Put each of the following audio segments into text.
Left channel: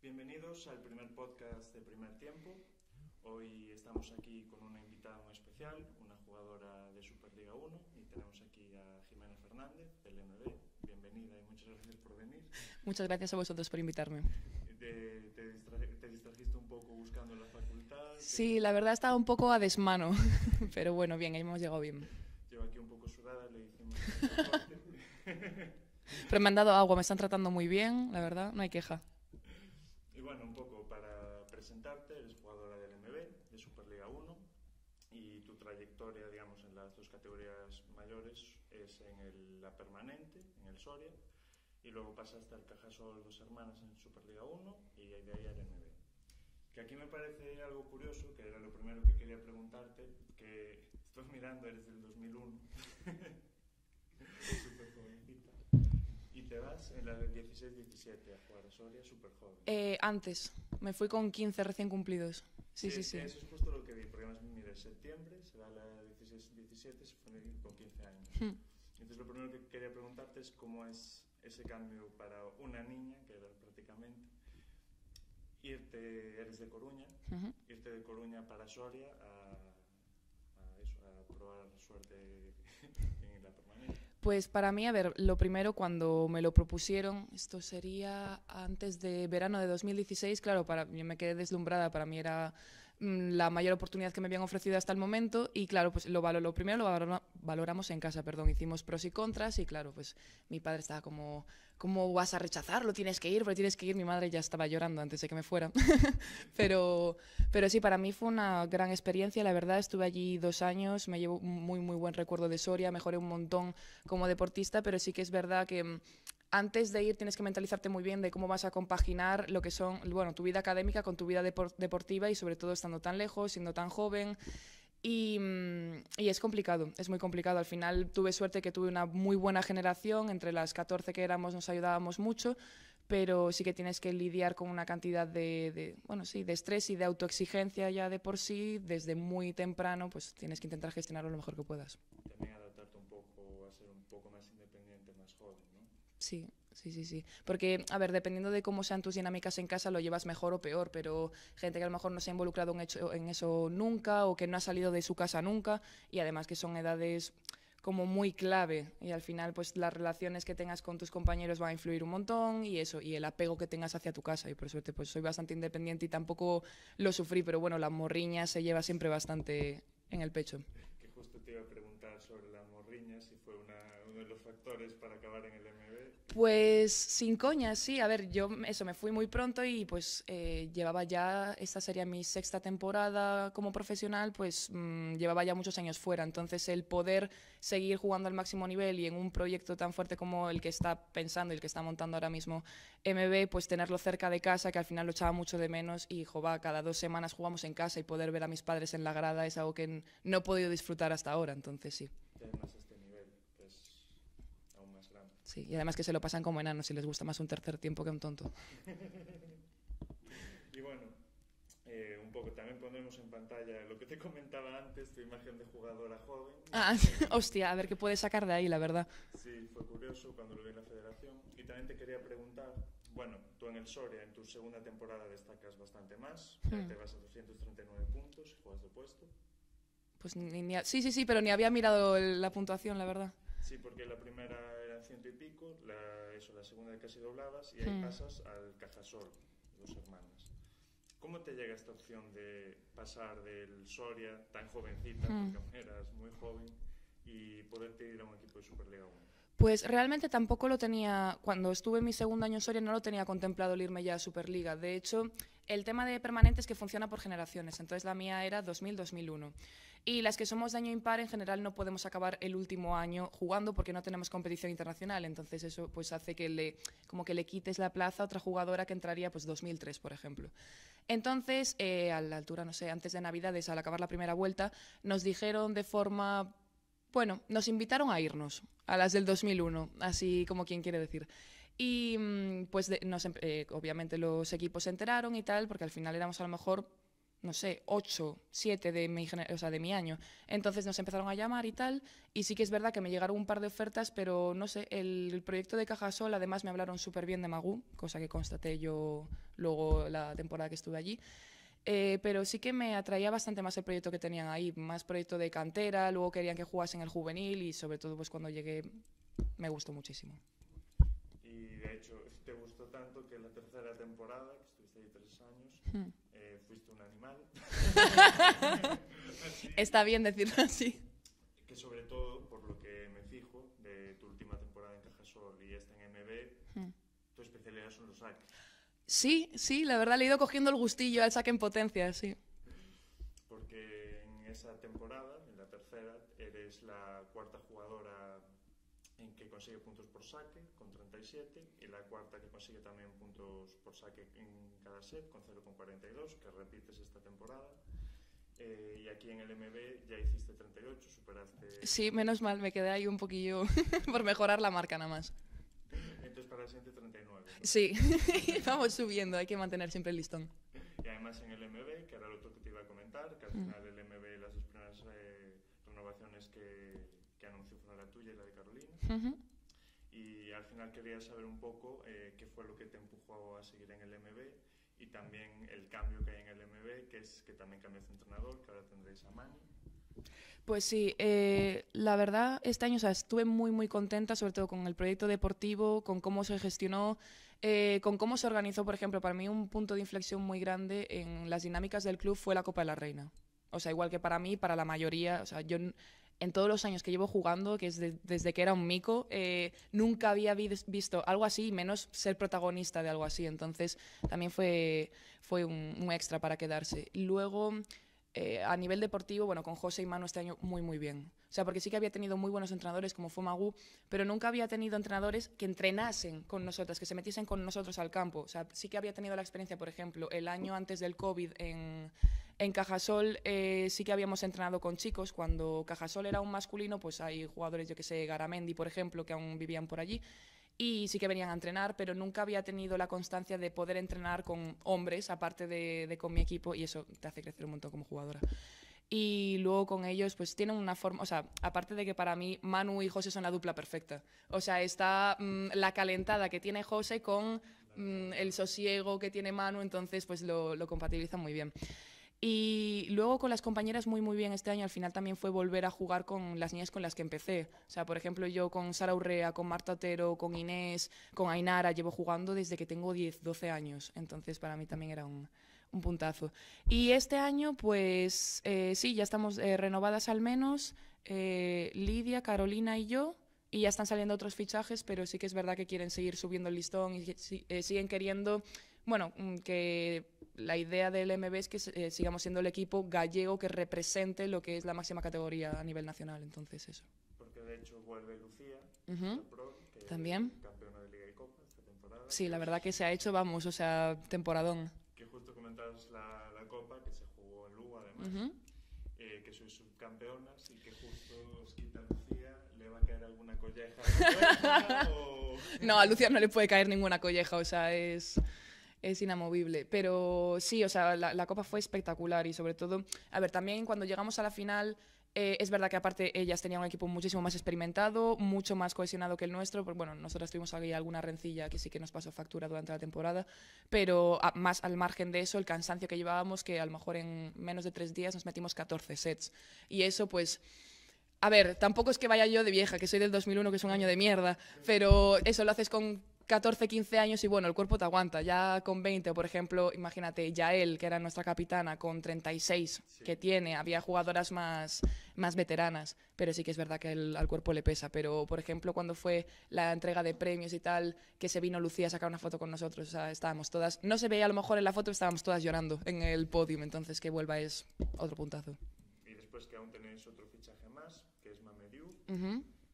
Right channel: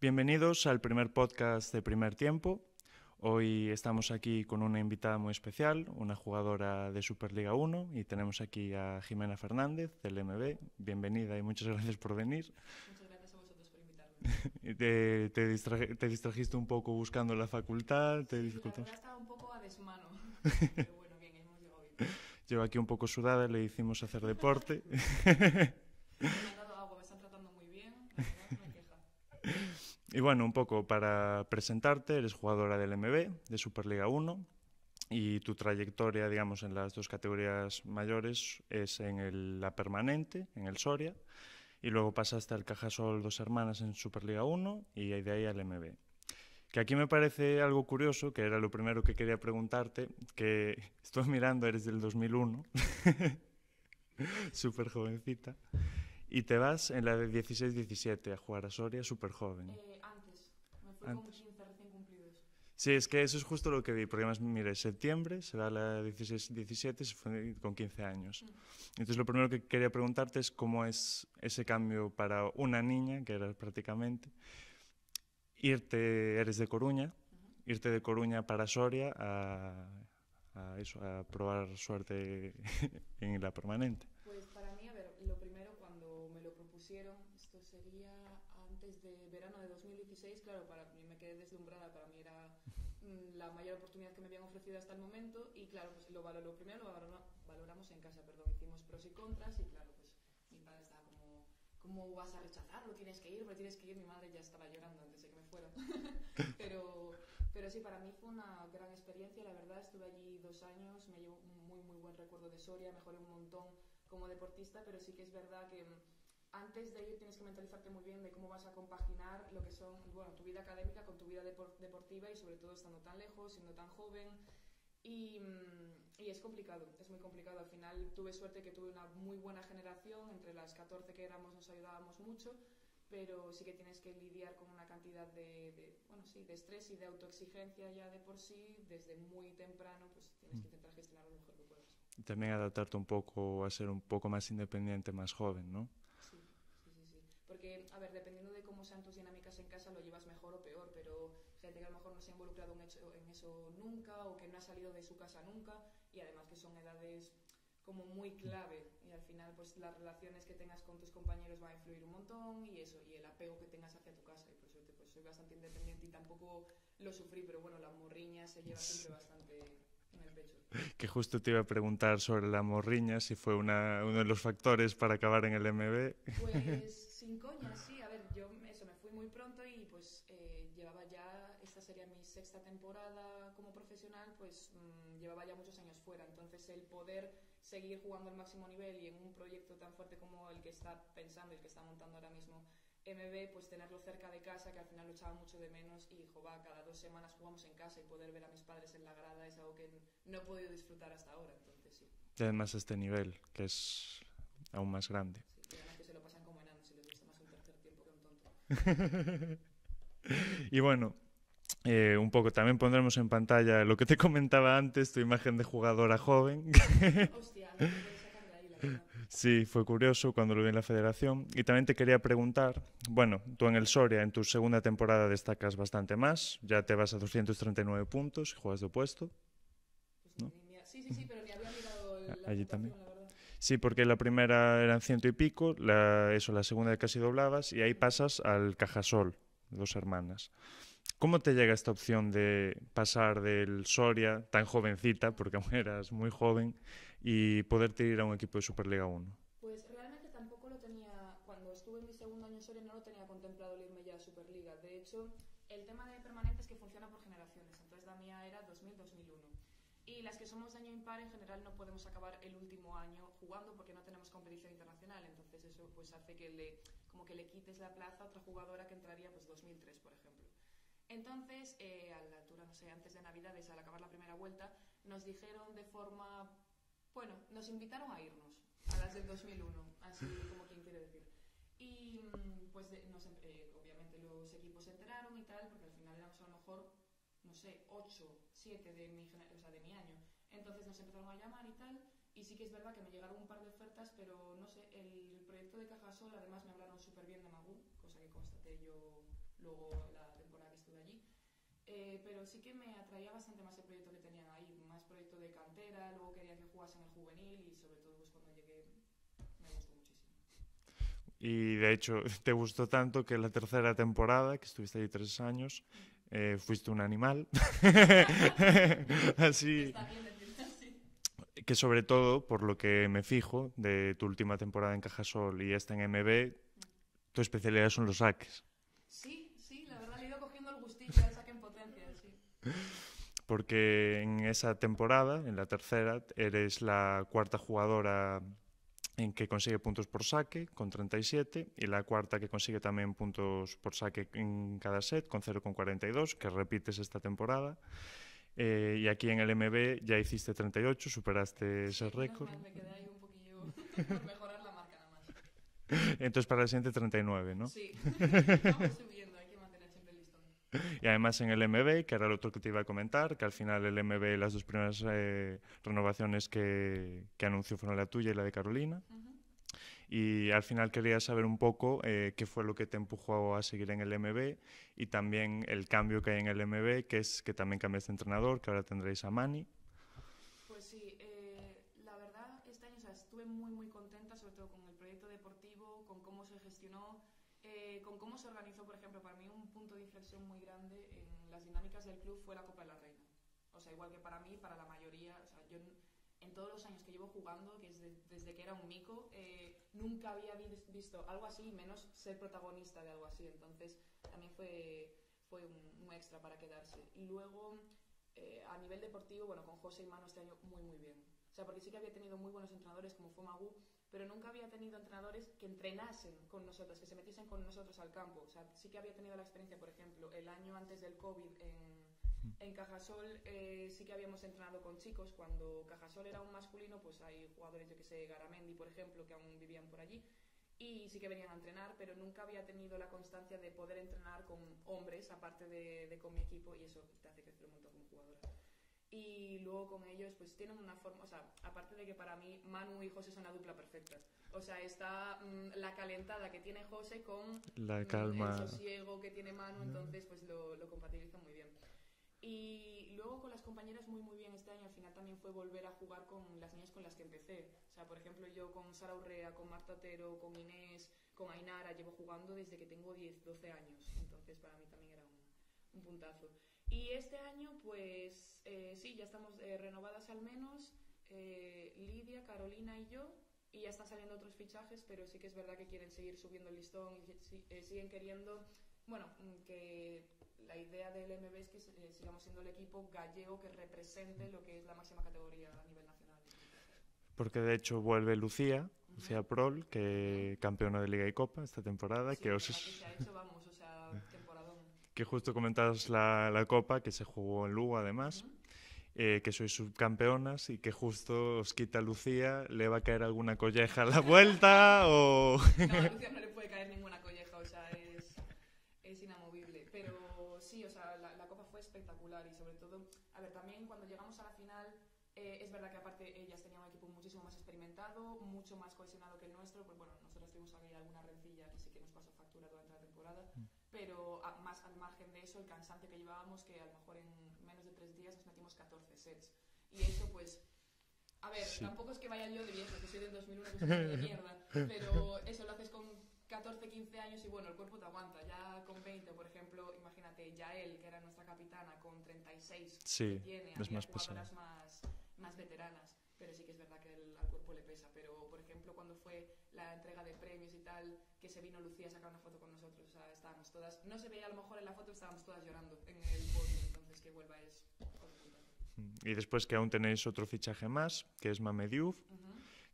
Bienvenidos al primer podcast de Primer Tiempo. Hoy estamos aquí con una invitada muy especial, una jugadora de Superliga 1, y tenemos aquí a Jimena Fernández del MB. Bienvenida y muchas gracias por venir. Muchas gracias a vosotros por invitarme. Te distrajiste un poco buscando la facultad. Sí, la verdad estaba un poco a desmano, pero bueno, bien, ahí hemos llegado bien. Llevo aquí un poco sudada, le hicimos hacer deporte. Pero me han dado agua, me están tratando muy bien, la verdad, no hay queja. Y bueno, un poco para presentarte, eres jugadora del MB, de Superliga 1, y tu trayectoria, digamos, en las dos categorías mayores es en la permanente, en el Soria, y luego pasaste al Cajasol Dos Hermanas en Superliga 1 y de ahí al MB. Que aquí me parece algo curioso, que era lo primero que quería preguntarte, que estoy mirando, eres del 2001, súper jovencita. Y te vas en la de 16-17 a jugar a Soria, súper joven. Antes, me fui con 15 recién cumplidos. Sí, es que eso es justo lo que vi, porque además, mira, en septiembre se va a la 16-17, se fue con 15 años. Entonces lo primero que quería preguntarte es cómo es ese cambio para una niña, que era prácticamente, eres de Coruña, irte de Coruña para Soria a probar suerte en la permanente. Pues para mí, a ver, lo primero cuando me lo propusieron, esto sería antes de verano de 2016, claro, yo me quedé deslumbrada, para mí era la mayor oportunidad que me habían ofrecido hasta el momento y claro, pues lo valoramos en casa, hicimos pros y contras y claro, pues mi padre estaba como, ¿cómo vas a rechazarlo? Tienes que ir, pero tienes que ir. Mi madre ya estaba llorando antes de que me fuera. pero sí, para mí fue una gran experiencia, la verdad, estuve allí 2 años, me llevo un muy, muy buen recuerdo de Soria, mejoré un montón como deportista, pero sí que es verdad que antes de ir tienes que mentalizarte muy bien de cómo vas a compaginar lo que son, bueno, tu vida académica con tu vida deportiva y sobre todo estando tan lejos, siendo tan joven. Y es complicado, es muy complicado. Al final tuve suerte que tuve una muy buena generación, entre las 14 que éramos nos ayudábamos mucho, pero sí que tienes que lidiar con una cantidad de estrés y de autoexigencia ya de por sí, desde muy temprano, pues tienes que intentar gestionarlo lo mejor que puedas. También adaptarte un poco a ser un poco más independiente, más joven, ¿no? Sí. Porque, a ver, dependiendo de cómo sean tus dinámicas en casa, lo llevas mejor o peor, pero gente que a lo mejor no se ha involucrado en eso nunca o que no ha salido de su casa nunca y además que son edades como muy clave y al final pues las relaciones que tengas con tus compañeros van a influir un montón y eso, y el apego que tengas hacia tu casa y por suerte pues soy bastante independiente y tampoco lo sufrí, pero bueno, la morriña se lleva siempre bastante en el pecho. Que justo te iba a preguntar sobre la morriña, si fue uno de los factores para acabar en el MB. Pues sin coña, sí. A ver, yo me fui muy pronto y pues llevaba ya, esta sería mi 6ª temporada como profesional, pues llevaba ya muchos años fuera. Entonces el poder seguir jugando al máximo nivel y en un proyecto tan fuerte como el que está pensando y el que está montando ahora mismo MB, pues tenerlo cerca de casa, que al final lo echaba mucho de menos y cada 2 semanas jugamos en casa y poder ver a mis padres en la grada es algo que no he podido disfrutar hasta ahora, entonces sí. Y además este nivel, que es aún más grande. Sí, y además que se lo pasan como enanos y les gusta más un tercer tiempo que un tonto. Y bueno, un poco también pondremos en pantalla lo que te comentaba antes, tu imagen de jugadora joven. Hostia, a ver qué puedes sacar de ahí, la verdad. Sí, fue curioso cuando lo vi en la federación. Y también te quería preguntar, bueno, tú en el Soria, en tu segunda temporada destacas bastante más, ya te vas a 239 puntos y juegas de opuesto. Pues sí, pero ni había mirado la puntuación, la verdad. Sí, porque la primera eran 100 y pico, la segunda casi doblabas y ahí pasas al Cajasol, Dos Hermanas. ¿Cómo te llega esta opción de pasar del Soria, tan jovencita, porque aún eras muy joven, y poderte ir a un equipo de Superliga 1? Pues realmente tampoco lo tenía, cuando estuve en mi segundo año en Soria no lo tenía contemplado el irme ya a Superliga. De hecho, el tema de permanente es que funciona por generaciones, entonces la mía era 2000-2001. Y las que somos de año impar en general no podemos acabar el último año jugando porque no tenemos competición internacional, entonces eso pues hace que le quites la plaza a otra jugadora que entraría pues 2003, por ejemplo. Entonces, a la altura, no sé, antes de Navidades, al acabar la primera vuelta, nos dijeron de forma... Bueno, nos invitaron a irnos, a las del 2001, así como quien quiere decir. Y pues obviamente los equipos se enteraron y tal, porque al final éramos a lo mejor no sé, 8, 7 de mi año. Entonces nos empezaron a llamar y tal, y sí que es verdad que me llegaron un par de ofertas, pero no sé, el proyecto de Cajasol, además me hablaron súper bien de Magú, cosa que constaté yo luego la temporada que estuve allí. Pero sí que me atraía bastante más el proyecto que tenían ahí, más proyecto de cantera, luego querían que jugase en el juvenil y sobre todo pues cuando llegué me gustó muchísimo. Y de hecho te gustó tanto que la tercera temporada, que estuviste ahí 3 años, fuiste un animal. Así, Está bien decirlo así. que sobre todo, por lo que me fijo de tu última temporada en Cajasol y esta en MB, tu especialidad son los saques. Sí, sí, la verdad le he ido cogiendo el gustillo al saque en potencia, sí. Porque en esa temporada, en la tercera, eres la cuarta jugadora en que consigue puntos por saque, con 37, y la cuarta que consigue también puntos por saque en cada set, con 0,42, que repites esta temporada. Y aquí en el MB ya hiciste 38, superaste Sí, ese menos récord. mal, me quedé ahí un poquillo por mejorar la marca nada más. Entonces para el siguiente 39, ¿no? Sí, vamos subiendo, hay que mantener siempre el listón. Y además en el MB, que era lo otro que te iba a comentar, que al final el MB, las dos primeras renovaciones que anunció fueron la tuya y la de Carolina. Y al final quería saber un poco qué fue lo que te empujó a seguir en el MB y también el cambio que hay en el MB, que es que también cambiaste de entrenador, que ahora tendréis a Mani. Pues sí, la verdad, este año estuve muy, muy contenta, sobre todo con el proyecto deportivo, con cómo se gestionó, con cómo se organizó. Por ejemplo, para mí un punto de inflexión muy grande en las dinámicas del club fue la Copa de la Reina. O sea, igual que para mí, para la mayoría, o sea, yo en todos los años que llevo jugando, que es desde que era un mico, nunca había visto algo así, menos ser protagonista de algo así. Entonces, también fue un extra para quedarse. Luego, a nivel deportivo, bueno, con José y Manu este año muy, muy bien. O sea, porque sí que había tenido muy buenos entrenadores como fue Magú, pero nunca había tenido entrenadores que entrenasen con nosotras, que se metiesen con nosotros al campo. O sea, sí que había tenido la experiencia, por ejemplo, el año antes del COVID en Cajasol, sí que habíamos entrenado con chicos. Cuando Cajasol era un masculino, pues hay jugadores, yo que sé, Garamendi, por ejemplo, que aún vivían por allí. Y sí que venían a entrenar, pero nunca había tenido la constancia de poder entrenar con hombres, aparte de con mi equipo, y eso te hace crecer un montón como jugadora. Y luego con ellos pues tienen una forma, o sea, aparte de que para mí Manu y José son la dupla perfecta. O sea, está la calentada que tiene José con el sosiego que tiene Manu, entonces pues lo compatibilizan muy bien. Y luego con las compañeras muy muy bien este año. Al final también fue volver a jugar con las niñas con las que empecé. O sea, por ejemplo, yo con Sara Urrea, con Marta Otero, con Inés, con Ainara, llevo jugando desde que tengo 10, 12 años. Entonces para mí también era un puntazo. Y este año, pues sí, ya estamos renovadas al menos, Lidia, Carolina y yo, y ya están saliendo otros fichajes, pero sí que es verdad que quieren seguir subiendo el listón y siguen queriendo, bueno, que la idea del MB es que sigamos siendo el equipo gallego que represente lo que es la máxima categoría a nivel nacional, entonces eso. Porque de hecho vuelve Lucía, Lucía Prol, que También. Campeona de Liga y Copa esta temporada. Sí, que la verdad que se ha hecho, vamos, o sea, temporadón. Que justo comentabas la Copa, que se jugó en Lugo además, que sois subcampeonas y que justo os quita Lucía, ¿le va a caer alguna colleja a la vuelta o...? No, a Lucía no le puede caer ninguna colleja, o sea, es inamovible. Pero sí, o sea, la Copa fue espectacular y sobre todo, a ver, también cuando llegamos a la final, es verdad que aparte ellas tenían un equipo muchísimo más experimentado, mucho más cohesionado que el nuestro. Pues bueno, nosotras tuvimos ahí alguna rencilla que sí que nos pasó factura durante la temporada, pero más al margen de eso, el cansancio que llevábamos, que a lo mejor en menos de 3 días nos metimos 14 sets. Y eso pues... A ver, tampoco es que vaya yo de vieja, que soy del 2001, que es un año de mierda, pero eso lo haces con 14, 15 años y bueno, el cuerpo te aguanta. Ya con 20, por ejemplo, imagínate, Yael, que era nuestra capitana, con 36 sí, que tiene, había jugadoras más veteranas, pero sí que es verdad que al cuerpo le pesa. Pero, por ejemplo, cuando fue la entrega de premios y tal, que se vino Lucía a sacar una foto con nosotros, o sea, estábamos todas, no se veía a lo mejor en la foto, estábamos todas llorando en el podium, entonces que vuelva es otro puntazo. Y después que aún tenéis otro fichaje más, que es Mame Diouf,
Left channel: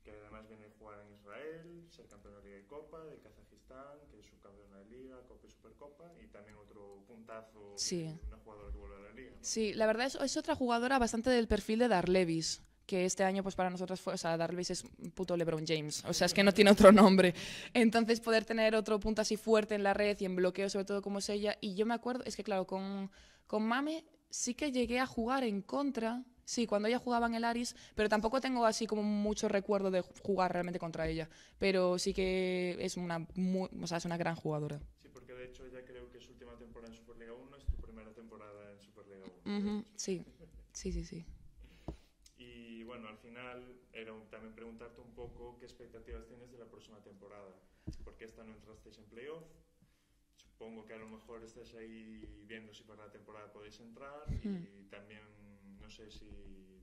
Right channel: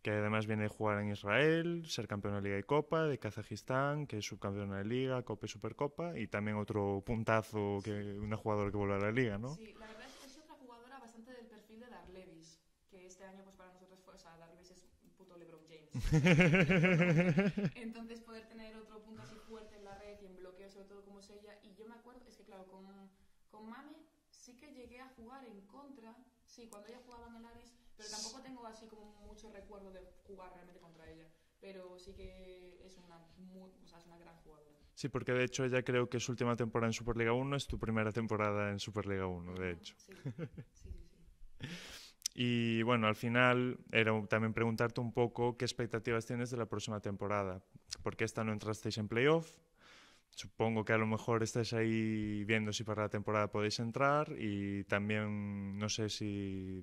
que además viene a jugar en Israel, ser campeona de Liga y Copa, de Kazajistán, que es subcampeona de Liga, Copa y Supercopa, y también otro puntazo, que una jugadora que vuelve a la Liga, ¿no? Sí, la verdad es otra jugadora bastante del perfil de Darlevis, que este año pues para nosotros fue, o sea, Darlevis es un puto LeBron James, o sea, es que no tiene otro nombre. Entonces poder tener otro punto así fuerte en la red y en bloqueo, sobre todo como es ella, y yo me acuerdo, es que claro, con Mame Sí que llegué a jugar en contra, sí, cuando ella jugaba en el Aris, pero tampoco tengo así como mucho recuerdo de jugar realmente contra ella. Pero sí que es o sea, es una gran jugadora. Sí, porque de hecho ella creo que su última temporada en Superliga 1 es tu primera temporada en Superliga 1, de hecho. Sí, sí, sí, sí. Y bueno, al final era también preguntarte un poco qué expectativas tienes de la próxima temporada, porque esta no entrasteis en playoff. Supongo que a lo mejor estáis ahí viendo si para la temporada podéis entrar y también no sé si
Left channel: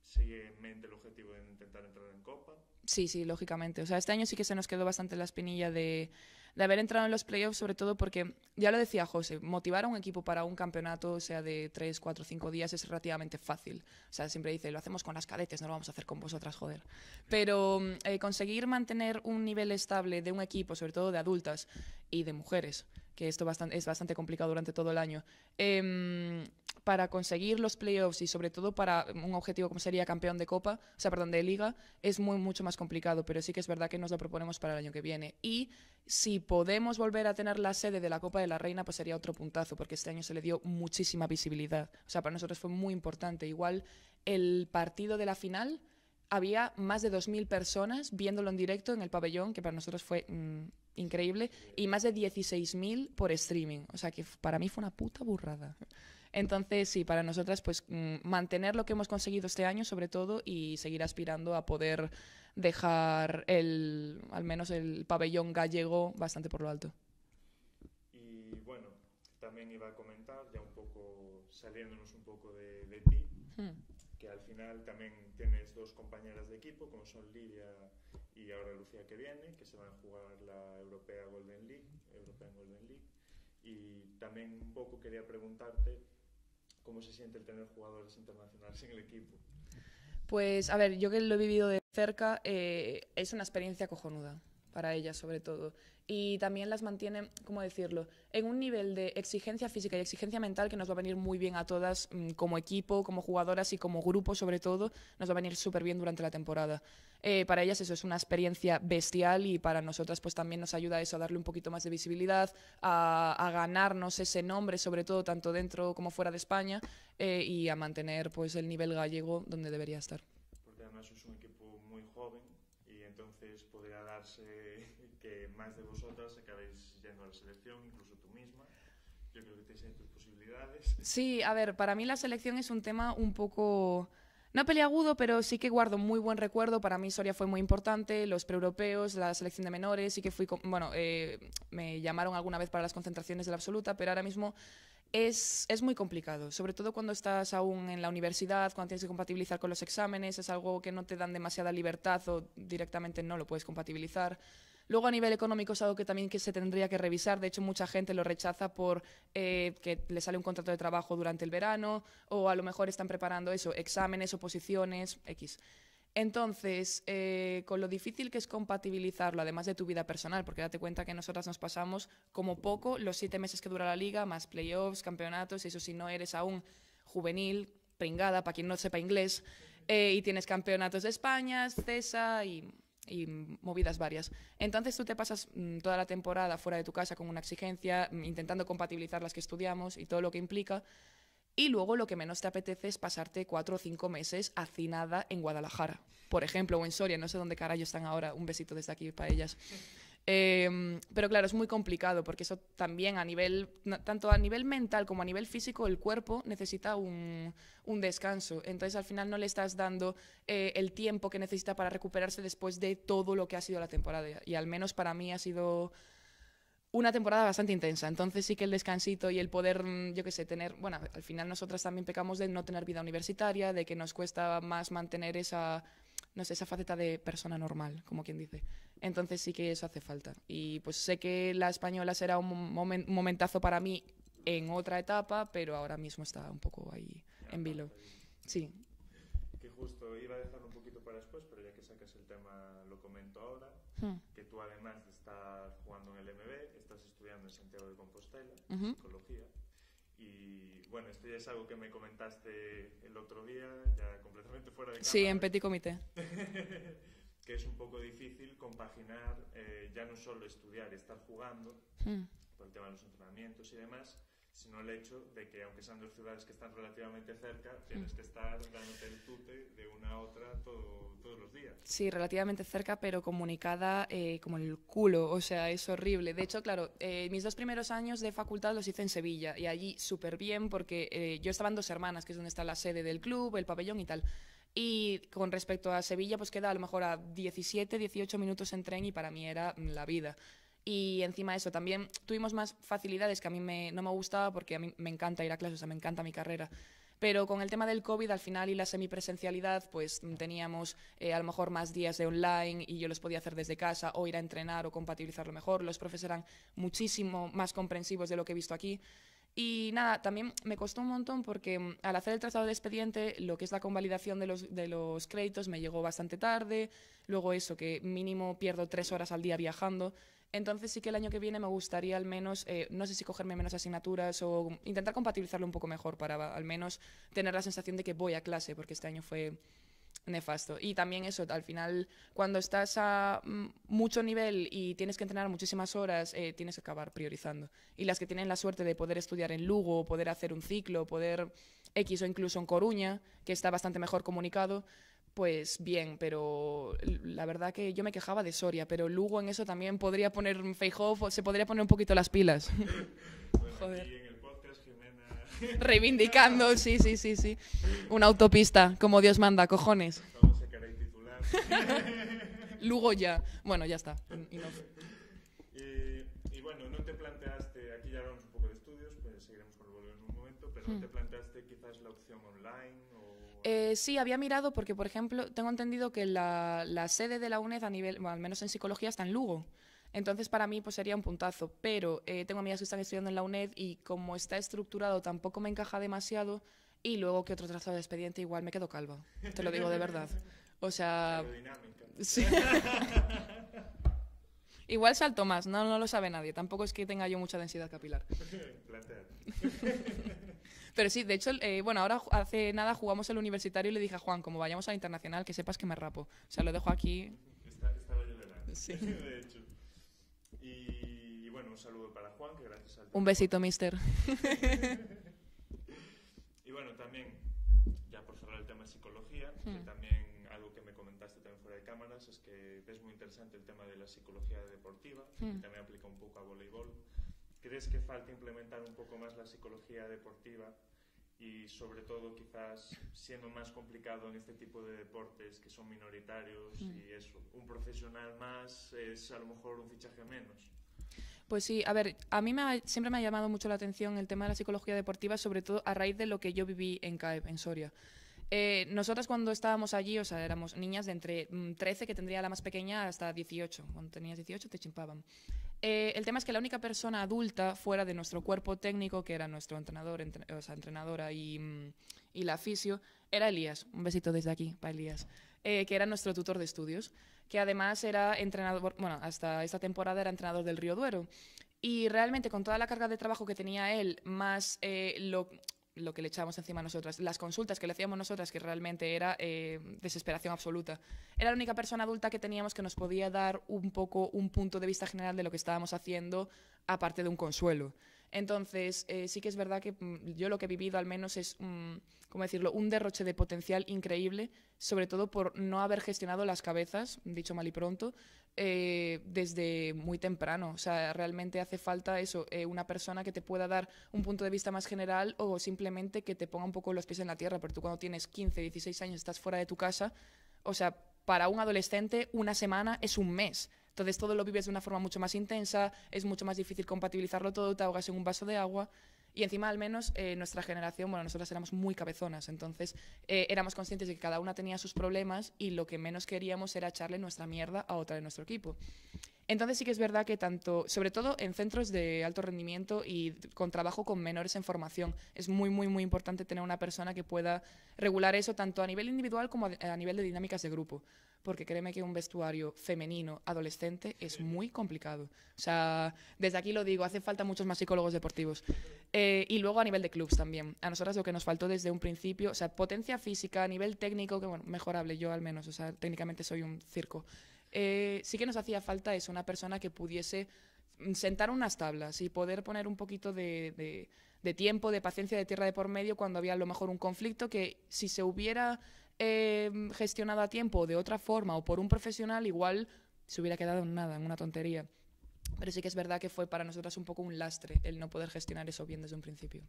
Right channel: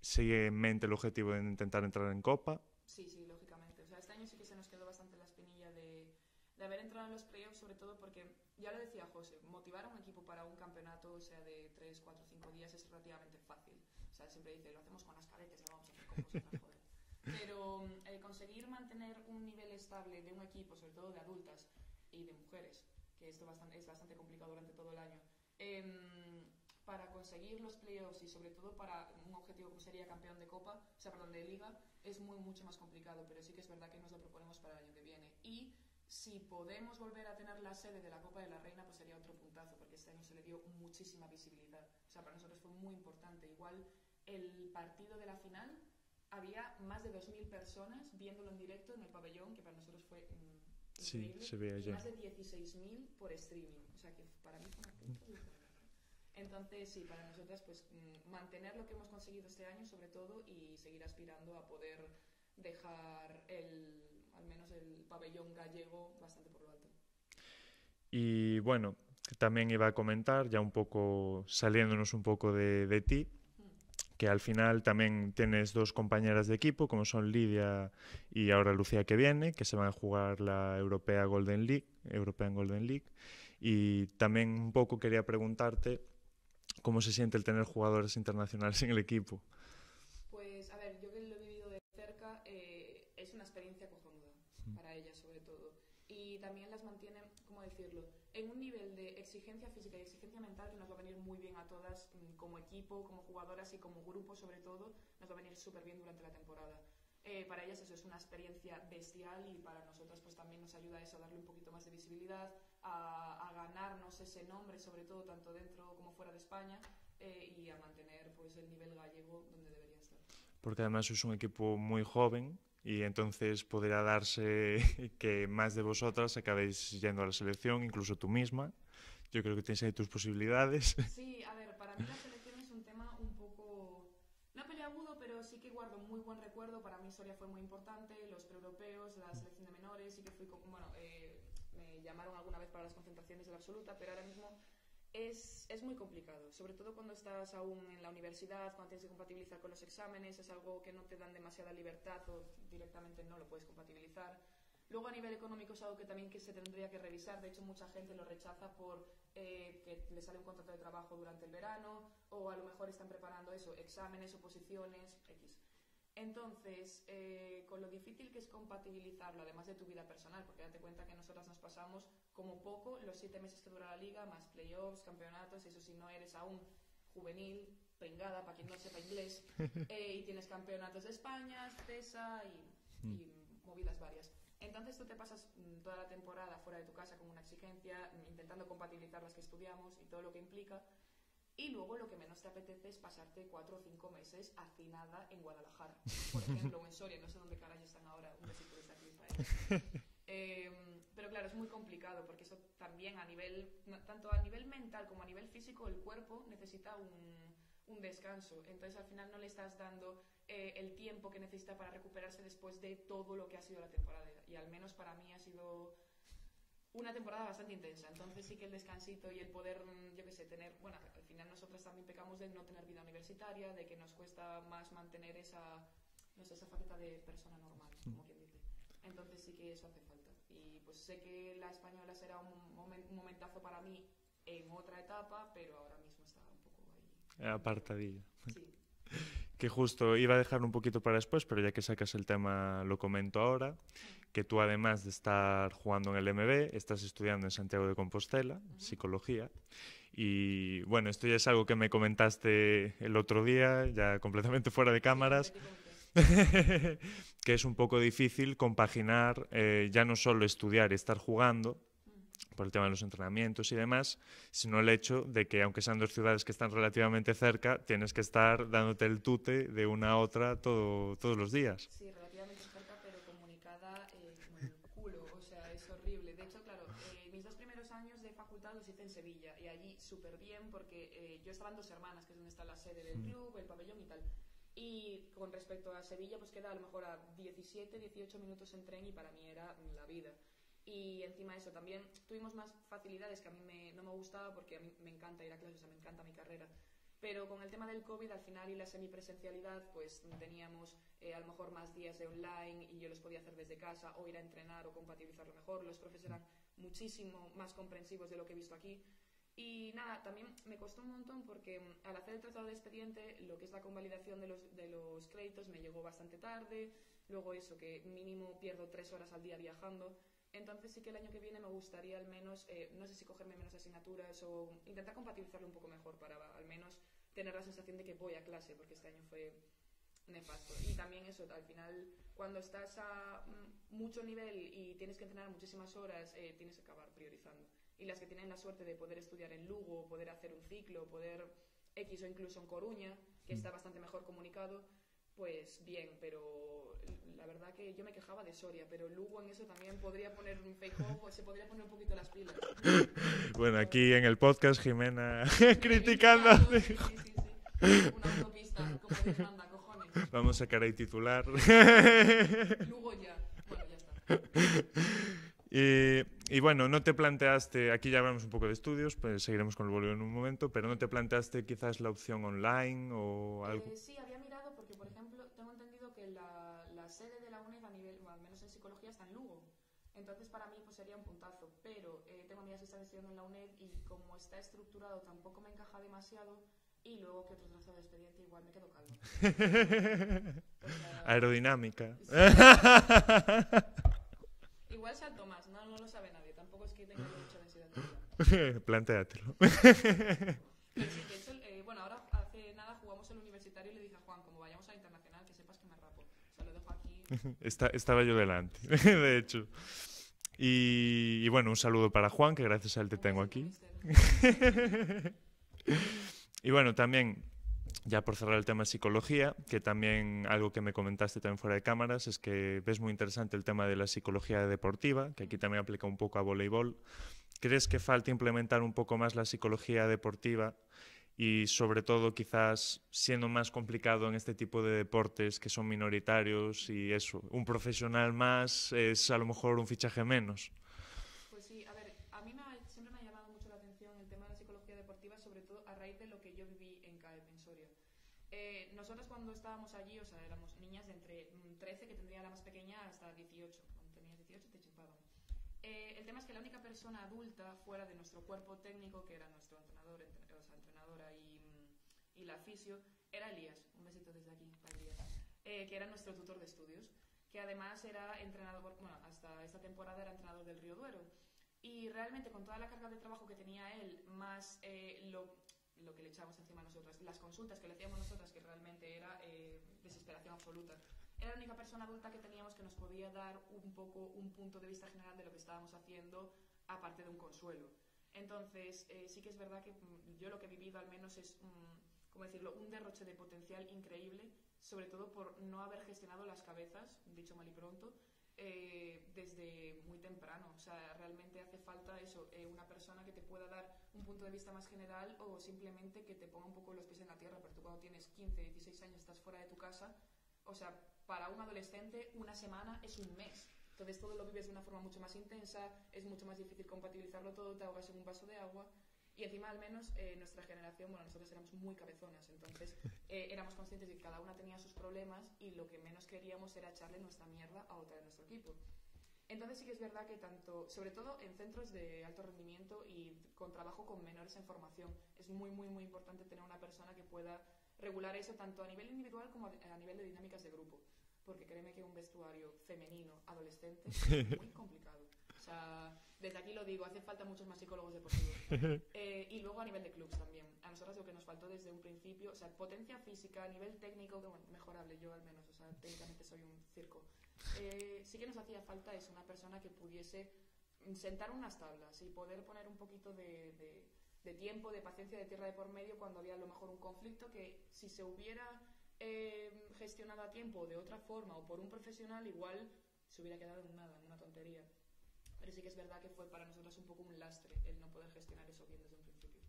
sigue en mente el objetivo de intentar entrar en Copa. Sí, sí, lógicamente. O sea, este año sí que se nos quedó bastante la espinilla de haber entrado en los playoffs, sobre todo porque, ya lo decía José, motivar a un equipo para un campeonato, o sea, de 3, 4, 5 días, es relativamente fácil. O sea, siempre dice, lo hacemos con las cadetes, no lo vamos a hacer con vosotras, joder. Pero conseguir mantener un nivel estable de un equipo, sobre todo de adultas y de mujeres, que esto es bastante complicado durante todo el año, para conseguir los playoffs y sobre todo para un objetivo como sería campeón de Copa, o sea, perdón, de Liga, es mucho más complicado, pero sí que es verdad que nos lo proponemos para el año que viene. Y si podemos volver a tener la sede de la Copa de la Reina, pues sería otro puntazo, porque este año se le dio muchísima visibilidad. O sea, para nosotros fue muy importante. Igual el partido de la final había más de 2.000 personas viéndolo en directo en el pabellón, que para nosotros fue increíble, Sí, y más de 16.000 por streaming. O sea, que para mí fue una puta burrada. Entonces, sí, para nosotras, pues mantener lo que hemos conseguido este año, sobre todo, y seguir aspirando a poder dejar al menos el pabellón gallego bastante por lo alto. Y bueno, también iba a comentar, ya un poco saliéndonos un poco de ti, que al final también tienes dos compañeras de equipo, como son Lidia y ahora Lucía que viene, que se van a jugar la European Golden League. Y también un poco quería preguntarte cómo se siente el tener jugadores internacionales en el equipo. Pues, a ver, yo que lo he vivido de cerca, es una experiencia cojonuda para ellas, sobre todo. Y también las mantiene, ¿cómo decirlo?, en un nivel de exigencia física y exigencia mental que nos va a venir muy bien a todas como equipo, como jugadoras y como grupo, sobre todo, nos va a venir súper bien durante la temporada. Para ellas eso es una experiencia bestial y para nosotras pues también nos ayuda a eso, a darle un poquito más de visibilidad, a ganarnos ese nombre, sobre todo tanto dentro como fuera de España, y a mantener pues el nivel gallego donde debería estar. Porque además es un equipo muy joven y entonces podría darse que más de vosotras acabéis yendo a la selección, incluso tú misma. Yo creo que tienes ahí tus posibilidades. Sí, a ver, para mí la selección es un tema un poco, no peliagudo, pero sí que guardo muy buen recuerdo. Para mí Soria fue muy importante, los preeuropeos, la selección de menores, sí que fui, bueno, me llamaron alguna vez para las concentraciones de la absoluta, pero ahora mismo es muy complicado, sobre todo cuando estás aún en la universidad, cuando tienes que compatibilizar con los exámenes, es algo que no te dan demasiada libertad o directamente no lo puedes compatibilizar. Luego a nivel económico es algo que también que se tendría que revisar, de hecho mucha gente lo rechaza por que le sale un contrato de trabajo durante el verano o a lo mejor están preparando eso, exámenes, oposiciones, X. Entonces, con lo difícil que es compatibilizarlo, además de tu vida personal, porque date cuenta que nosotras nos pasamos como poco los 7 meses que dura la liga, más playoffs, campeonatos, eso si no eres aún juvenil, pringada, para quien no sepa inglés, y tienes campeonatos de España, CESA y movidas varias. Entonces tú te pasas toda la temporada fuera de tu casa con una exigencia, intentando compatibilizar las que estudiamos y todo lo que implica. Y luego lo que menos te apetece es pasarte 4 o 5 meses hacinada en Guadalajara, por ejemplo, o en Soria, no sé dónde carajo están ahora, un besito desde aquí para ellas. Pero claro, es muy complicado porque eso también tanto a nivel mental como a nivel físico, el cuerpo necesita un descanso. Entonces al final no le estás dando el tiempo que necesita para recuperarse después de todo lo que ha sido la temporada. Y al menos para mí ha sido una temporada bastante intensa, entonces sí que el descansito y el poder, yo qué sé, tener, bueno, al final nosotras también pecamos de no tener vida universitaria, de que nos cuesta más mantener esa, no sé, esa faceta de persona normal, como quien dice. Entonces sí que eso hace falta. Y pues sé que la española será un momentazo para mí en otra etapa, pero ahora mismo está un poco ahí en vilo. Sí. Que justo iba a dejar un poquito para después, pero ya que sacas el tema lo comento ahora, que tú además de estar jugando en el MB, estás estudiando en Santiago de Compostela, psicología, y bueno, esto ya es algo que me comentaste el otro día, ya completamente fuera de cámaras. Sí, en petit comité. Que es un poco difícil compaginar ya no solo estudiar y estar jugando, por el tema de los entrenamientos y demás, sino el hecho de que, aunque sean dos ciudades que están relativamente cerca, tienes que estar dándote el tute de una a otra todos los días. Sí, relativamente cerca, pero comunicada como el culo, o sea, es horrible. De hecho, claro, mis 2 primeros años de facultad los hice en Sevilla, y allí súper bien, porque yo estaba en Dos Hermanas, que es donde está la sede del club, el pabellón y tal. Y con respecto a Sevilla, pues queda a lo mejor a 17, 18 minutos en tren, y para mí era la vida. Y encima de eso, también tuvimos más facilidades que a mí no me gustaba, porque a mí me encanta ir a clases, o sea, me encanta mi carrera. Pero con el tema del COVID al final y la semipresencialidad, pues teníamos a lo mejor más días de online y yo los podía hacer desde casa o ir a entrenar o compatibilizarlo mejor. Los profes eran muchísimo más comprensivos de lo que he visto aquí. Y nada, también me costó un montón porque al hacer el traslado de expediente, lo que es la convalidación de los créditos me llegó bastante tarde. Luego eso, que mínimo pierdo 3 horas al día viajando. Entonces sí que el año que viene me gustaría al menos, no sé si cogerme menos asignaturas o intentar compatibilizarlo un poco mejor para al menos tener la sensación de que voy a clase, porque este año fue nefasto. Y también eso, al final, cuando estás a mucho nivel y tienes que entrenar muchísimas horas, tienes que acabar priorizando. Y las que tienen la suerte de poder estudiar en Lugo, poder hacer un ciclo, poder X o incluso en Coruña, que está bastante mejor comunicado, pues bien, pero la verdad que yo me quejaba de Soria, pero Lugo en eso también podría poner Feijóo, se podría poner un poquito las pilas. Bueno, aquí en el podcast Jimena reivindicando, sí. Una autopista, como Dios manda, cojones. Vamos a sacar ahí titular. Lugo ya. Bueno, ya está. Y bueno, no te planteaste, aquí ya hablamos un poco de estudios, pues seguiremos con el voleo en un momento, pero ¿no te planteaste quizás la opción online o algo? Sí, había mirado porque, por ejemplo, tengo entendido que la sede de la UNED a nivel, bueno, al menos en psicología, está en Lugo. Entonces, para mí, pues sería un puntazo. Pero tengo amigas que están estudiando en la UNED y como está estructurado tampoco me encaja demasiado. Y luego que otro trazo de expediente igual me quedo calva. Te lo digo de verdad. O sea... Aerodinámica. Sí. Igual salto más, no lo sabe nadie. Tampoco es que tenga yo mucha densidad capilar. Plantéatelo. Pero sí, de hecho, bueno, ahora hace nada jugamos el universitario y le dije a Juan, como vayamos al internacional, que sepas que me rapo. O sea, lo dejo aquí. Estaba yo delante, sí. De hecho. Y bueno, un saludo para Juan, que gracias a él te Un tengo besito, aquí. mister. Y bueno, también, ya por cerrar el tema de psicología, que también algo que me comentaste también fuera de cámaras, es que ves muy interesante el tema de la psicología deportiva, que aquí también aplica un poco a voleibol. ¿Crees que falta implementar un poco más la psicología deportiva y sobre todo quizás siendo más complicado en este tipo de deportes que son minoritarios y eso, un profesional más es a lo mejor un fichaje menos? Pues sí, a ver, a mí siempre me ha llamado mucho la atención el tema de la psicología deportiva, sobre todo a raíz de lo que yo viví en CAEP, en Soria. Nosotras cuando estábamos allí, o sea, éramos niñas de entre 13, que tendría la más pequeña, hasta 18. Cuando tenías 18 te chimpaban. El tema es que la única persona adulta fuera de nuestro cuerpo técnico, que era nuestro entrenador, o sea, entrenadora y la fisio, era Elías. Un besito desde aquí para Elías. Que era nuestro tutor de estudios, que además era entrenador, bueno, hasta esta temporada era entrenador del Río Duero. Y realmente con toda la carga de trabajo que tenía él, más lo que le echábamos encima a nosotras, las consultas que le hacíamos nosotras, que realmente era desesperación absoluta. Era la única persona adulta que teníamos que nos podía dar un poco un punto de vista general de lo que estábamos haciendo, aparte de un consuelo. Entonces, sí que es verdad que yo lo que he vivido al menos es, ¿cómo decirlo?, un derroche de potencial increíble, sobre todo por no haber gestionado las cabezas, dicho mal y pronto, desde muy temprano. O sea, realmente hace falta eso, una persona que te pueda dar un punto de vista más general o simplemente que te ponga un poco los pies en la tierra, porque tú cuando tienes 15, 16 años estás fuera de tu casa, o sea, para un adolescente una semana es un mes. Entonces todo lo vives de una forma mucho más intensa, es mucho más difícil compatibilizarlo todo, te ahogas en un vaso de agua. Y encima, al menos, nuestra generación, bueno, nosotras éramos muy cabezonas, entonces éramos conscientes de que cada una tenía sus problemas y lo que menos queríamos era echarle nuestra mierda a otra de nuestro equipo. Entonces sí que es verdad que tanto, sobre todo en centros de alto rendimiento y con trabajo con menores en formación, es muy, muy, muy importante tener una persona que pueda regular eso tanto a nivel individual como a nivel de dinámicas de grupo. Porque créeme que un vestuario femenino adolescente es muy complicado. O sea, desde aquí lo digo, hace falta muchos más psicólogos deportivos. Y luego a nivel de clubs también. A nosotras lo que nos faltó desde un principio, o sea, potencia física, a nivel técnico, que bueno, mejorable yo al menos, o sea, técnicamente soy un circo. Sí que nos hacía falta eso, una persona que pudiese sentar unas tablas y poder poner un poquito de tiempo, de paciencia, de tierra de por medio cuando había a lo mejor un conflicto que si se hubiera gestionado a tiempo de otra forma o por un profesional, igual se hubiera quedado en nada, en una tontería. Pero sí que es verdad que fue para nosotras un poco un lastre el no poder gestionar eso bien desde un principio.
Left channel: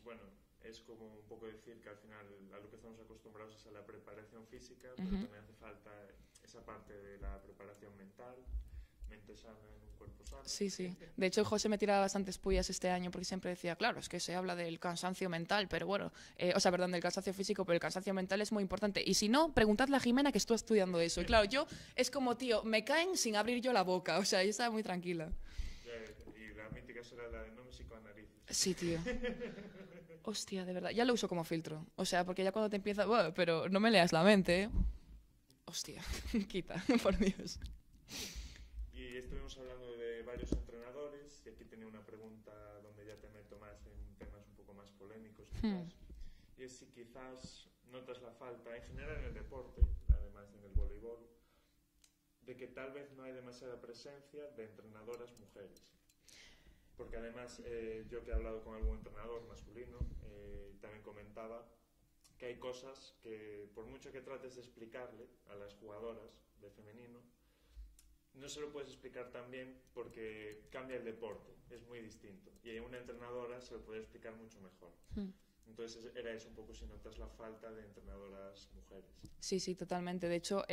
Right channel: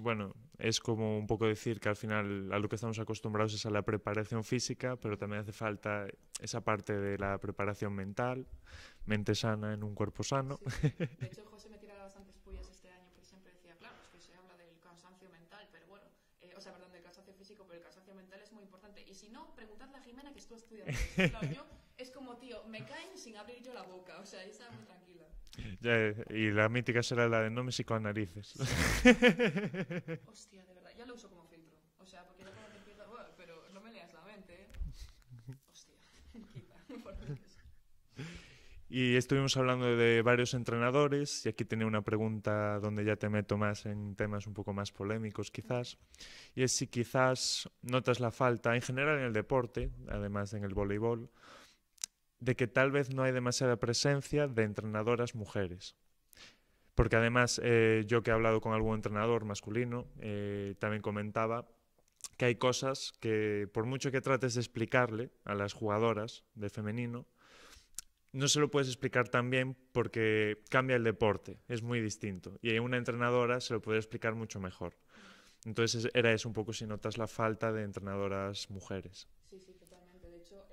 Bueno, es como un poco decir que al final a lo que estamos acostumbrados es a la preparación física, pero también hace falta esa parte de la preparación mental, mente sana en un cuerpo sano. Sí, sí. De hecho, José me tiraba bastantes pullas este año porque siempre decía, claro, es que se habla del cansancio mental, pero bueno, perdón, del cansancio físico, pero el cansancio mental es muy importante. Y si no, preguntadle a Jimena que estuvo estudiando eso. Claro, yo es como, tío, me caen sin abrir yo la boca, o sea, yo estaba muy tranquila. Y la mítica será la de no me psicoanalices. Sí, tío. Hostia, de verdad. Ya lo uso como filtro. O sea, porque ya cuando te empieza... Bueno, pero no me leas la mente, ¿eh? Hostia, quita, por Dios. Y estuvimos hablando de varios entrenadores y aquí tenía una pregunta donde ya te meto más en temas un poco más polémicos quizás. Y es si quizás notas la falta, en general en el deporte, además en el voleibol, de que tal vez no hay demasiada presencia de entrenadoras mujeres. Porque además yo que he hablado con algún entrenador masculino, también comentaba que hay cosas que por mucho que trates de explicarle a las jugadoras de femenino, no se lo puedes explicar tan bien porque cambia el deporte, es muy distinto. Y una entrenadora se lo puede explicar mucho mejor. Entonces era eso un poco si notas la falta de entrenadoras mujeres. Sí, sí, totalmente. De hecho,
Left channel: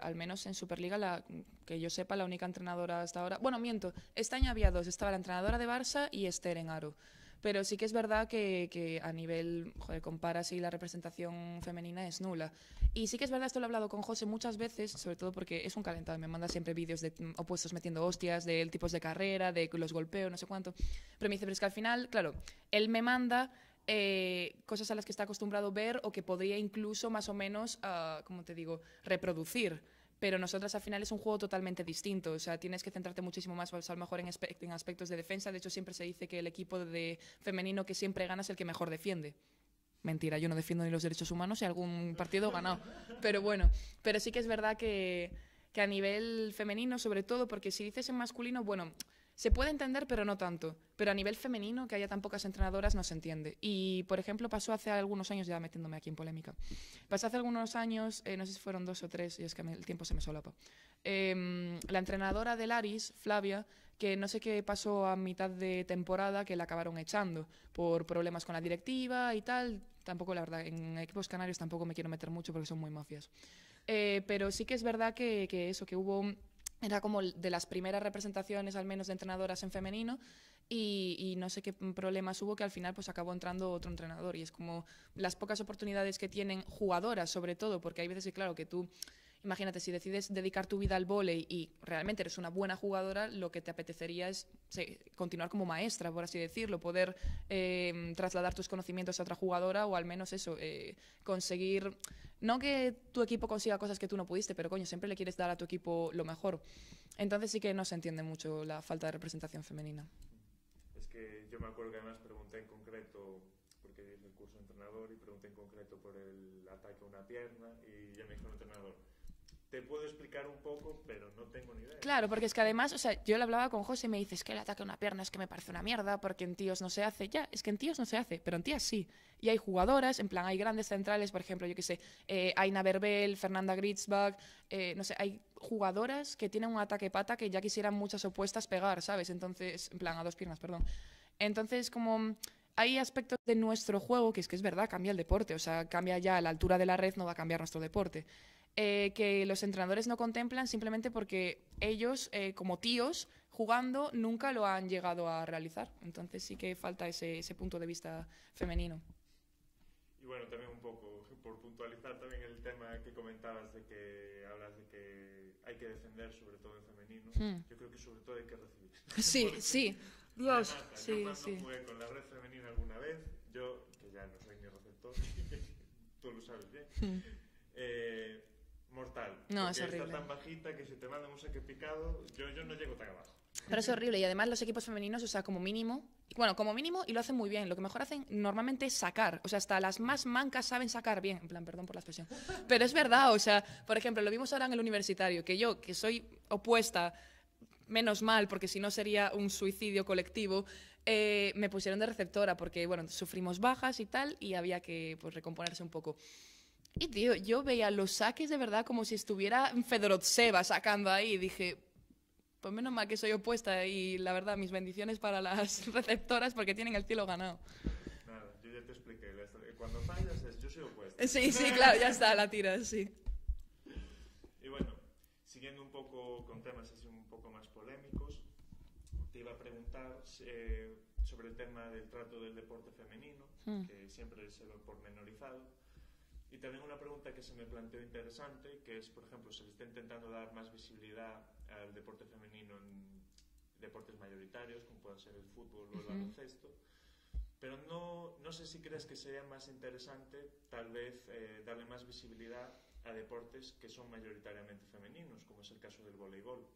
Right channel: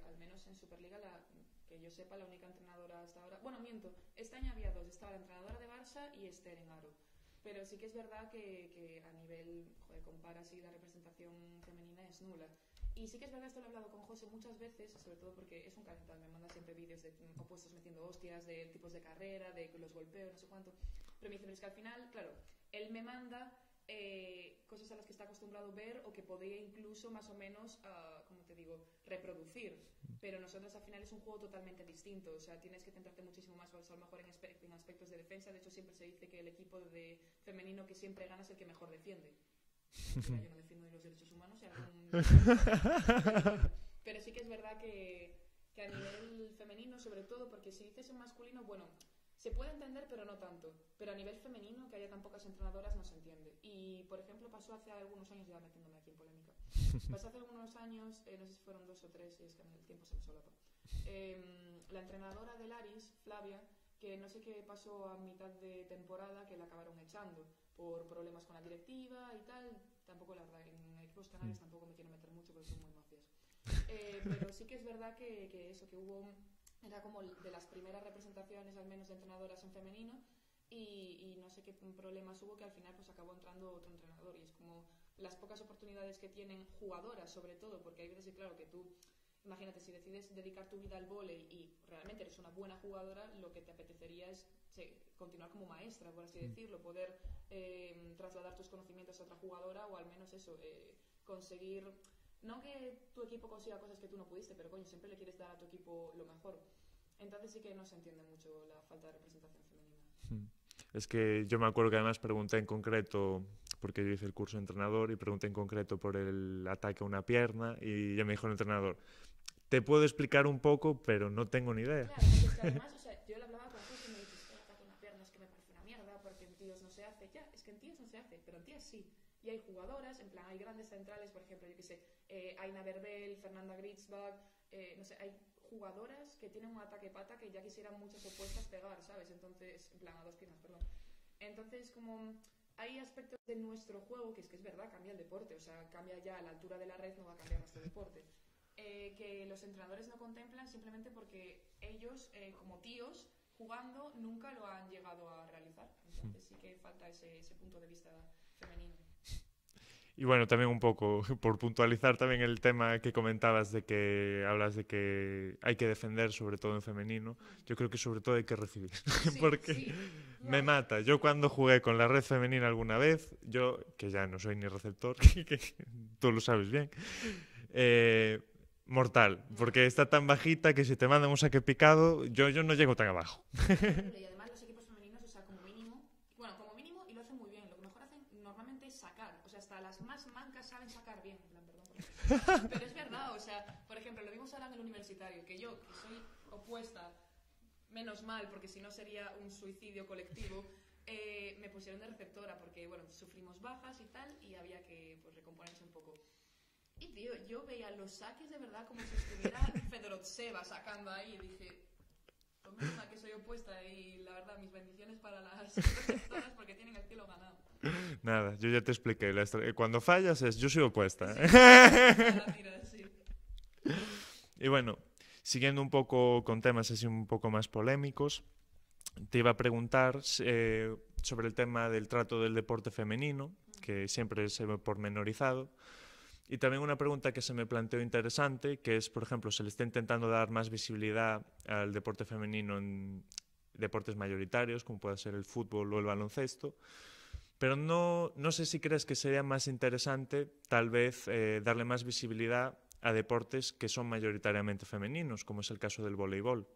al menos en Superliga, que yo sepa, la única entrenadora hasta ahora... Bueno, miento, este año había dos. Estaba la entrenadora de Barça y Esther en Aro. Pero sí que es verdad que a nivel, comparas y la representación femenina es nula. Y sí que es verdad, esto lo he hablado con José muchas veces, sobre todo porque es un calentado, me manda siempre vídeos de opuestos metiendo hostias, de tipos de carrera, de los golpeos, no sé cuánto. Pero me dice, pero es que al final, claro, él me manda cosas a las que está acostumbrado ver o que podría incluso más o menos, como te digo, reproducir. Pero nosotras al final es un juego totalmente distinto, o sea, tienes que centrarte muchísimo más, pues, a lo mejor en aspectos de defensa. De hecho, siempre se dice que el equipo de femenino que siempre gana es el que mejor defiende. Mentira, yo no defiendo ni los derechos humanos y algún partido ganado. Pero bueno, pero sí que es verdad que a nivel femenino, sobre todo, porque si dices en masculino, bueno, se puede entender, pero no tanto. Pero a nivel femenino, que haya tan pocas entrenadoras, no se entiende. Y, por ejemplo, pasó hace algunos años, ya metiéndome aquí en polémica, pasó hace algunos años, no sé si fueron 2 o 3, y es que el tiempo se me solapa, la entrenadora del Aris, Flavia, que no sé qué pasó a mitad de temporada, que la acabaron echando por problemas con la directiva y tal. Tampoco, la verdad, en equipos canarios tampoco me quiero meter mucho porque son muy mafias. Pero sí que es verdad que eso, que hubo... Era como de las primeras representaciones, al menos, de entrenadoras en femenino, y no sé qué problemas hubo, que al final pues acabó entrando otro entrenador. Y es como las pocas oportunidades que tienen jugadoras, sobre todo, porque hay veces que, claro, que tú, imagínate, si decides dedicar tu vida al vóley y realmente eres una buena jugadora, lo que te apetecería es continuar como maestra, por así decirlo, poder trasladar tus conocimientos a otra jugadora, o al menos eso, conseguir... No que tu equipo consiga cosas que tú no pudiste, pero coño, siempre le quieres dar a tu equipo lo mejor. Entonces sí que no se entiende mucho la falta de representación femenina. Es que yo me acuerdo que además pregunté en concreto, porque yo hice el curso de entrenador, y pregunté en concreto por el ataque a una pierna, y ya me dijo el entrenador, te puedo explicar un poco, pero no tengo ni idea. Claro, porque es que además, o sea, yo le hablaba con José y me dices que el ataque a una pierna es que me parece una mierda, porque en tíos no se hace. Ya, es que en tíos no se hace, pero en tías sí. Y hay jugadoras, en plan, hay grandes centrales, por ejemplo, yo qué sé, Aina Berbel, Fernanda Gritzbach, no sé, hay jugadoras que tienen un ataque-pata que ya quisieran muchas opuestas pegar, ¿sabes? Entonces, en plan, a 2 piernas, perdón. Entonces, como... Hay aspectos de nuestro juego que es verdad, cambia el deporte, o sea, cambia ya la altura de la red, no va a cambiar nuestro deporte. Que los entrenadores no contemplan simplemente porque ellos, como tíos, jugando, nunca lo han llegado a realizar. Entonces sí que falta ese punto de vista femenino. Y bueno, también un poco, por puntualizar también el tema que comentabas de que hablas de que hay que defender, sobre todo en femenino, yo creo que sobre todo hay que recibir. Sí, porque sí. Me mata. Yo cuando jugué con la red femenina alguna vez, yo, que ya no soy ni receptor, que tú lo sabes bien, mortal, No, porque está tan bajita que si te mandan un saque picado, yo no llego tan abajo. Pero es horrible, y además los equipos femeninos, o sea, como mínimo, y lo hacen muy bien, lo que mejor hacen normalmente es sacar, o sea, hasta las más mancas saben sacar bien, en plan, perdón por la expresión, pero es verdad, o sea, por ejemplo, lo vimos ahora en el universitario, que yo, que soy opuesta, menos mal, porque si no sería un suicidio colectivo, me pusieron de receptora porque, bueno, sufrimos bajas y tal, y había que pues, recomponerse un poco. Y, tío, yo veía los saques de verdad como si estuviera Fedorovseva sacando ahí, y dije, pues menos mal que soy opuesta, y la verdad, mis bendiciones para las receptoras porque tienen el cielo ganado. Nada, yo ya te expliqué. Cuando fallas es yo soy opuesta. Sí, ya está, la tiras, sí. Y bueno, siguiendo un poco con temas así un poco más polémicos, te iba a preguntar sobre el tema del trato del deporte femenino, que siempre se ve pormenorizado. Y también una pregunta que se me planteó interesante, que es, por ejemplo, se le está intentando dar más visibilidad al deporte femenino en deportes mayoritarios, como puede ser el fútbol o el baloncesto, pero no sé si crees que sería más interesante tal vez darle más visibilidad a deportes que son mayoritariamente femeninos, como es el caso del voleibol,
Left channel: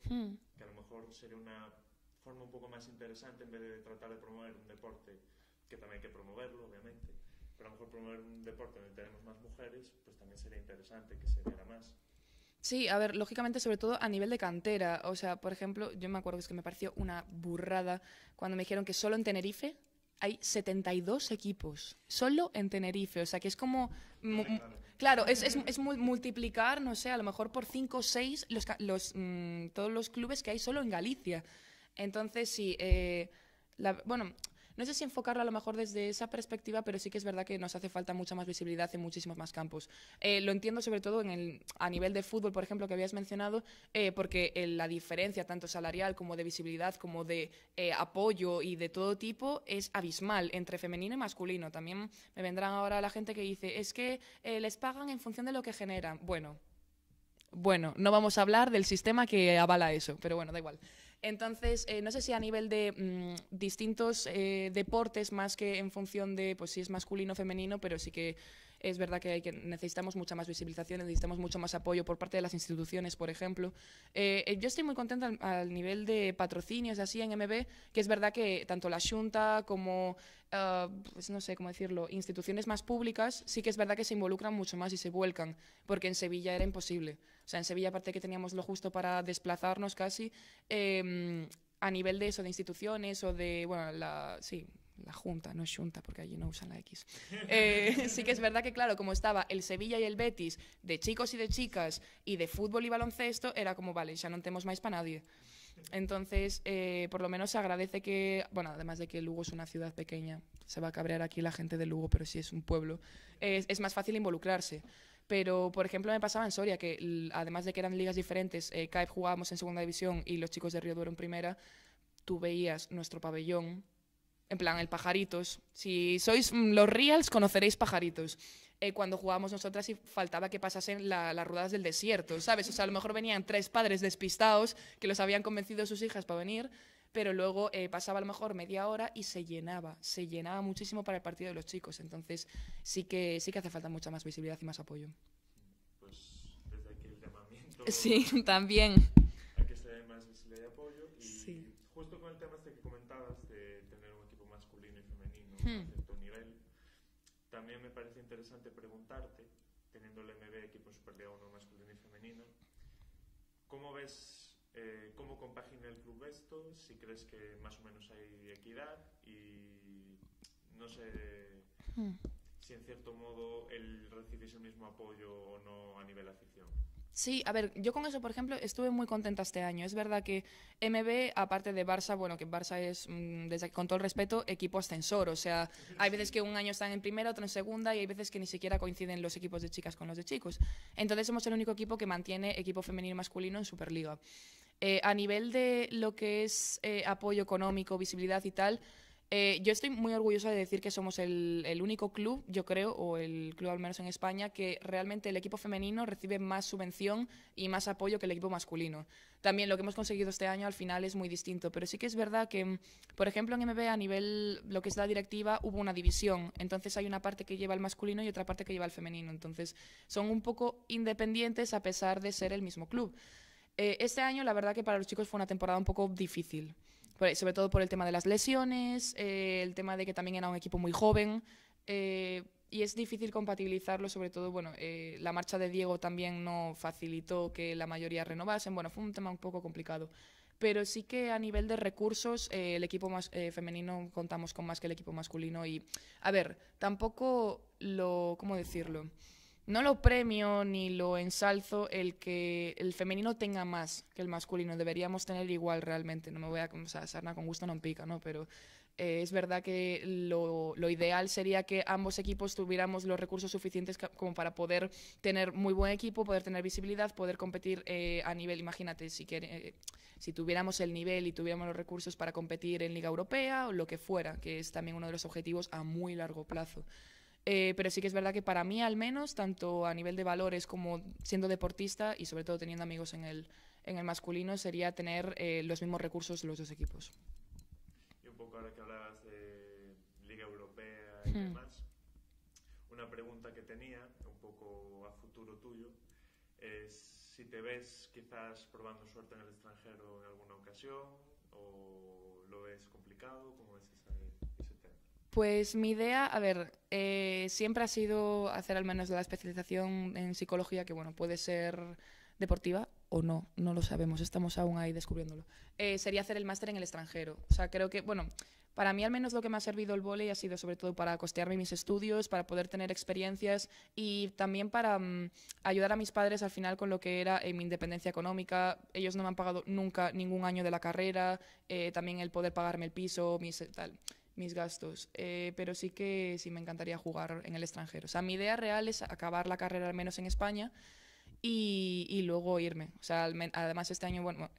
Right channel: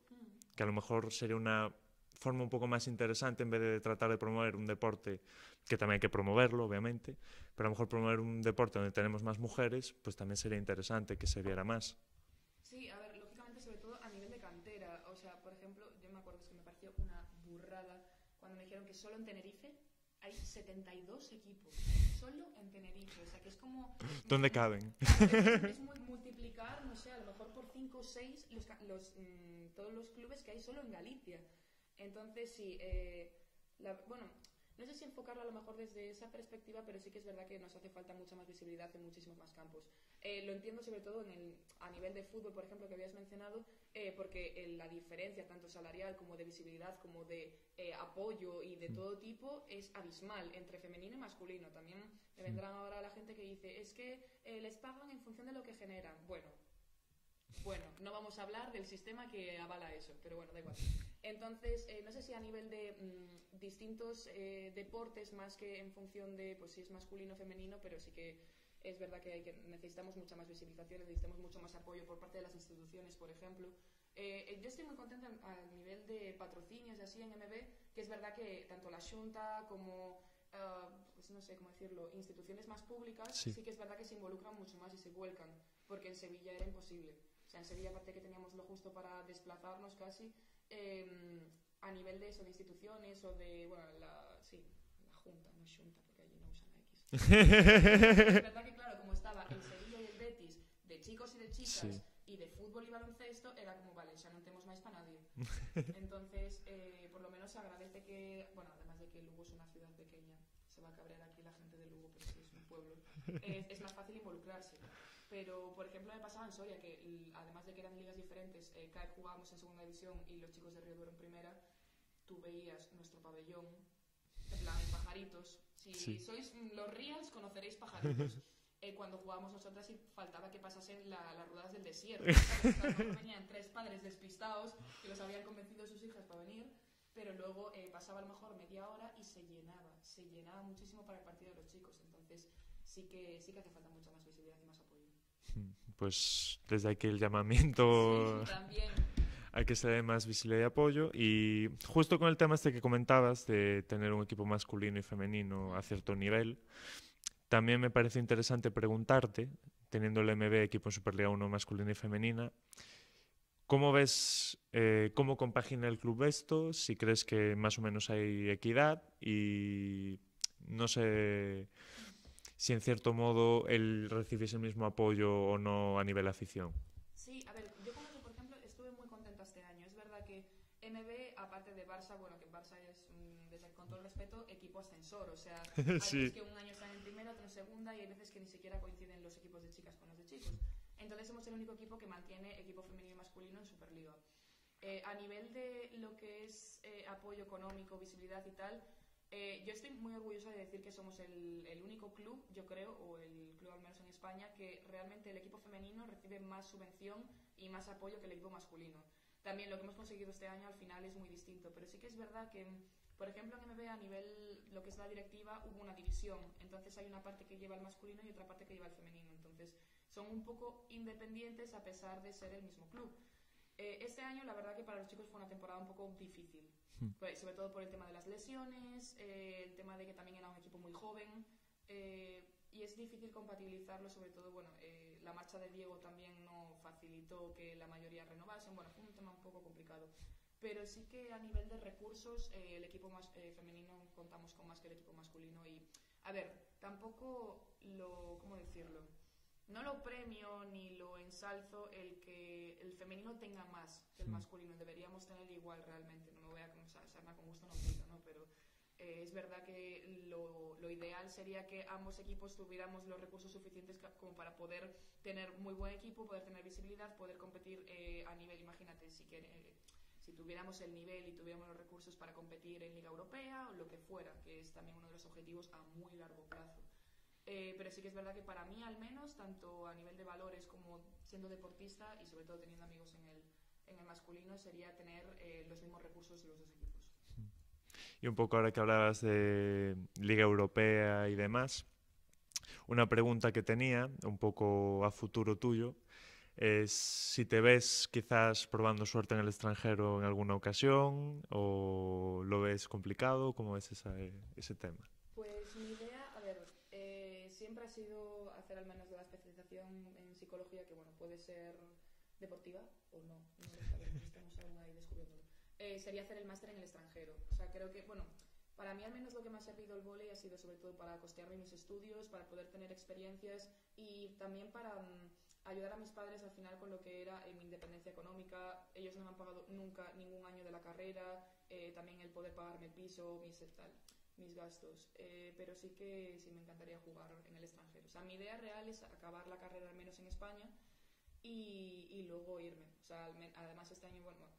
que a lo mejor sería una forma un poco más interesante en vez de tratar de promover un deporte que también hay que promoverlo, obviamente, pero a lo mejor promover un deporte donde tenemos más mujeres, pues también sería interesante que se viera más. Sí, a ver, lógicamente, sobre todo a nivel de cantera. O sea, por ejemplo, yo me acuerdo que me pareció una burrada cuando me dijeron que solo en Tenerife hay 72 equipos, solo en Tenerife. O sea, que es como... ¿Dónde caben? Claro, es multiplicar, no sé, a lo mejor por 5 o 6 todos los clubes que hay solo en Galicia. Entonces, sí, bueno, no sé si enfocarlo a lo mejor desde esa perspectiva, pero sí que es verdad que nos hace falta mucha más visibilidad en muchísimos más campos. Lo entiendo sobre todo a nivel de fútbol, por ejemplo, que habías mencionado, porque la diferencia tanto salarial como de visibilidad, como de apoyo y de todo tipo es abismal entre femenino y masculino. También me vendrán ahora la gente que dice, es que les pagan en función de lo que generan. Bueno, no vamos a hablar del sistema que avala eso, pero bueno, da igual. Entonces, no sé si a nivel de distintos deportes, más que en función de pues, si es masculino o femenino, pero sí que es verdad que necesitamos mucha más visibilización, necesitamos mucho más apoyo por parte de las instituciones, por ejemplo. Yo estoy muy contenta al nivel de patrocinios así en MB, que es verdad que tanto la Xunta como, pues no sé cómo decirlo, instituciones más públicas, sí que es verdad que se involucran mucho más y se vuelcan, porque en Sevilla era imposible. O sea, en Sevilla, aparte que teníamos lo justo para desplazarnos casi, a nivel de eso, de instituciones o de, bueno, la Junta, no es Xunta, porque allí no usan la X. Sí que es verdad que, claro, como estaba el Sevilla y el Betis de chicos y de chicas y de fútbol y baloncesto, era como, vale, ya non temos máis para nadie. Entonces, por lo menos se agradece que, bueno, además de que Lugo es una ciudad pequeña, se va a cabrear aquí la gente de Lugo, pero sí es un pueblo, es más fácil involucrarse. Pero, por ejemplo, me pasaba en Soria, que además de que eran ligas diferentes, CAEP jugábamos en segunda división y los chicos de Río Duero en primera, tú veías nuestro pabellón, en plan, el Pajaritos. Si sois los Reals, conoceréis Pajaritos. Cuando jugábamos nosotras y faltaba que pasasen las ruedas del desierto, ¿sabes? O sea, a lo mejor venían 3 padres despistados que los habían convencido sus hijas para venir, pero luego pasaba a lo mejor media hora y se llenaba muchísimo para el partido de los chicos. Entonces sí que hace falta mucha más visibilidad y más apoyo. Pues desde aquí el llamamiento sí, también a que se dé más visibilidad y apoyo. Y justo con el tema este que comentabas de tener un equipo masculino y femenino a cierto nivel, también me parece interesante preguntarte, teniendo el MB equipo en Superliga 1 masculina y femenina, ¿cómo ves, cómo compagina el club esto? Si crees que más o menos hay equidad y no sé si en cierto modo él recibiese el mismo apoyo o no a nivel afición. Sí, a ver, yo con eso, por ejemplo, estuve muy contenta este año. Es verdad que MB, aparte de Barça, bueno, que Barça es, con todo el respeto, equipo ascensor. O sea, hay veces que un año están en primera, otro en segunda, y hay veces que ni siquiera coinciden los equipos de chicas con los de chicos. Entonces somos el único equipo que mantiene equipo femenino y masculino en Superliga. A nivel de lo que es apoyo económico, visibilidad y tal, yo estoy muy orgullosa de decir que somos el único club, yo creo, o el club al menos en España, que realmente el equipo femenino recibe más subvención y más apoyo que el equipo masculino. También lo que hemos conseguido este año al final es muy distinto, pero sí que es verdad que, por ejemplo, en MB a nivel, lo que es la directiva, hubo una división. Entonces hay una parte que lleva el masculino y otra parte que lleva el femenino. Entonces son un poco independientes a pesar de ser el mismo club. Este año, la verdad que para los chicos fue una temporada un poco difícil, sobre todo por el tema de las lesiones, el tema de que también era un equipo muy joven, y es difícil compatibilizarlo, sobre todo, bueno, la marcha de Diego también no facilitó que la mayoría renovasen, bueno, fue un tema un poco complicado. pero sí que a nivel de recursos el equipo más femenino contamos con más que el equipo masculino y, a ver, tampoco ¿cómo decirlo? No lo premio ni lo ensalzo el que el femenino tenga más que el masculino. Deberíamos tener igual realmente. No me voy a... O sea, sarna con gusto no pica, ¿no? Pero es verdad que lo ideal sería que ambos equipos tuviéramos los recursos suficientes como para poder tener muy buen equipo, poder tener visibilidad, poder competir a nivel, imagínate, si tuviéramos el nivel y tuviéramos los recursos para competir en Liga Europea o lo que fuera, que es también uno de los objetivos a muy largo plazo. Pero sí que es verdad que para mí al menos, tanto a nivel de valores como siendo deportista y sobre todo teniendo amigos en el masculino, sería tener los mismos recursos los dos equipos. Y un poco ahora que hablabas de Liga Europea y demás, una pregunta que tenía, un poco a futuro tuyo, es si te ves quizás probando suerte en el extranjero en alguna ocasión o lo ves complicado, ¿cómo ves ese tema? Pues mi idea, a ver, siempre ha sido hacer al menos la especialización en psicología, que bueno, puede ser deportiva o no, no lo sabemos, estamos aún ahí descubriéndolo. Sería hacer el máster en el extranjero. O sea, creo que, bueno, para mí al menos lo que me ha servido el vóley ha sido sobre todo para costearme mis estudios, para poder tener experiencias y también para ayudar a mis padres al final con lo que era mi independencia económica. Ellos no me han pagado nunca ningún año de la carrera, también el poder pagarme el piso, mis gastos, pero sí que sí me encantaría jugar en el extranjero. O sea, mi idea real es acabar la carrera al menos en España y luego irme. O sea, además este año, bueno,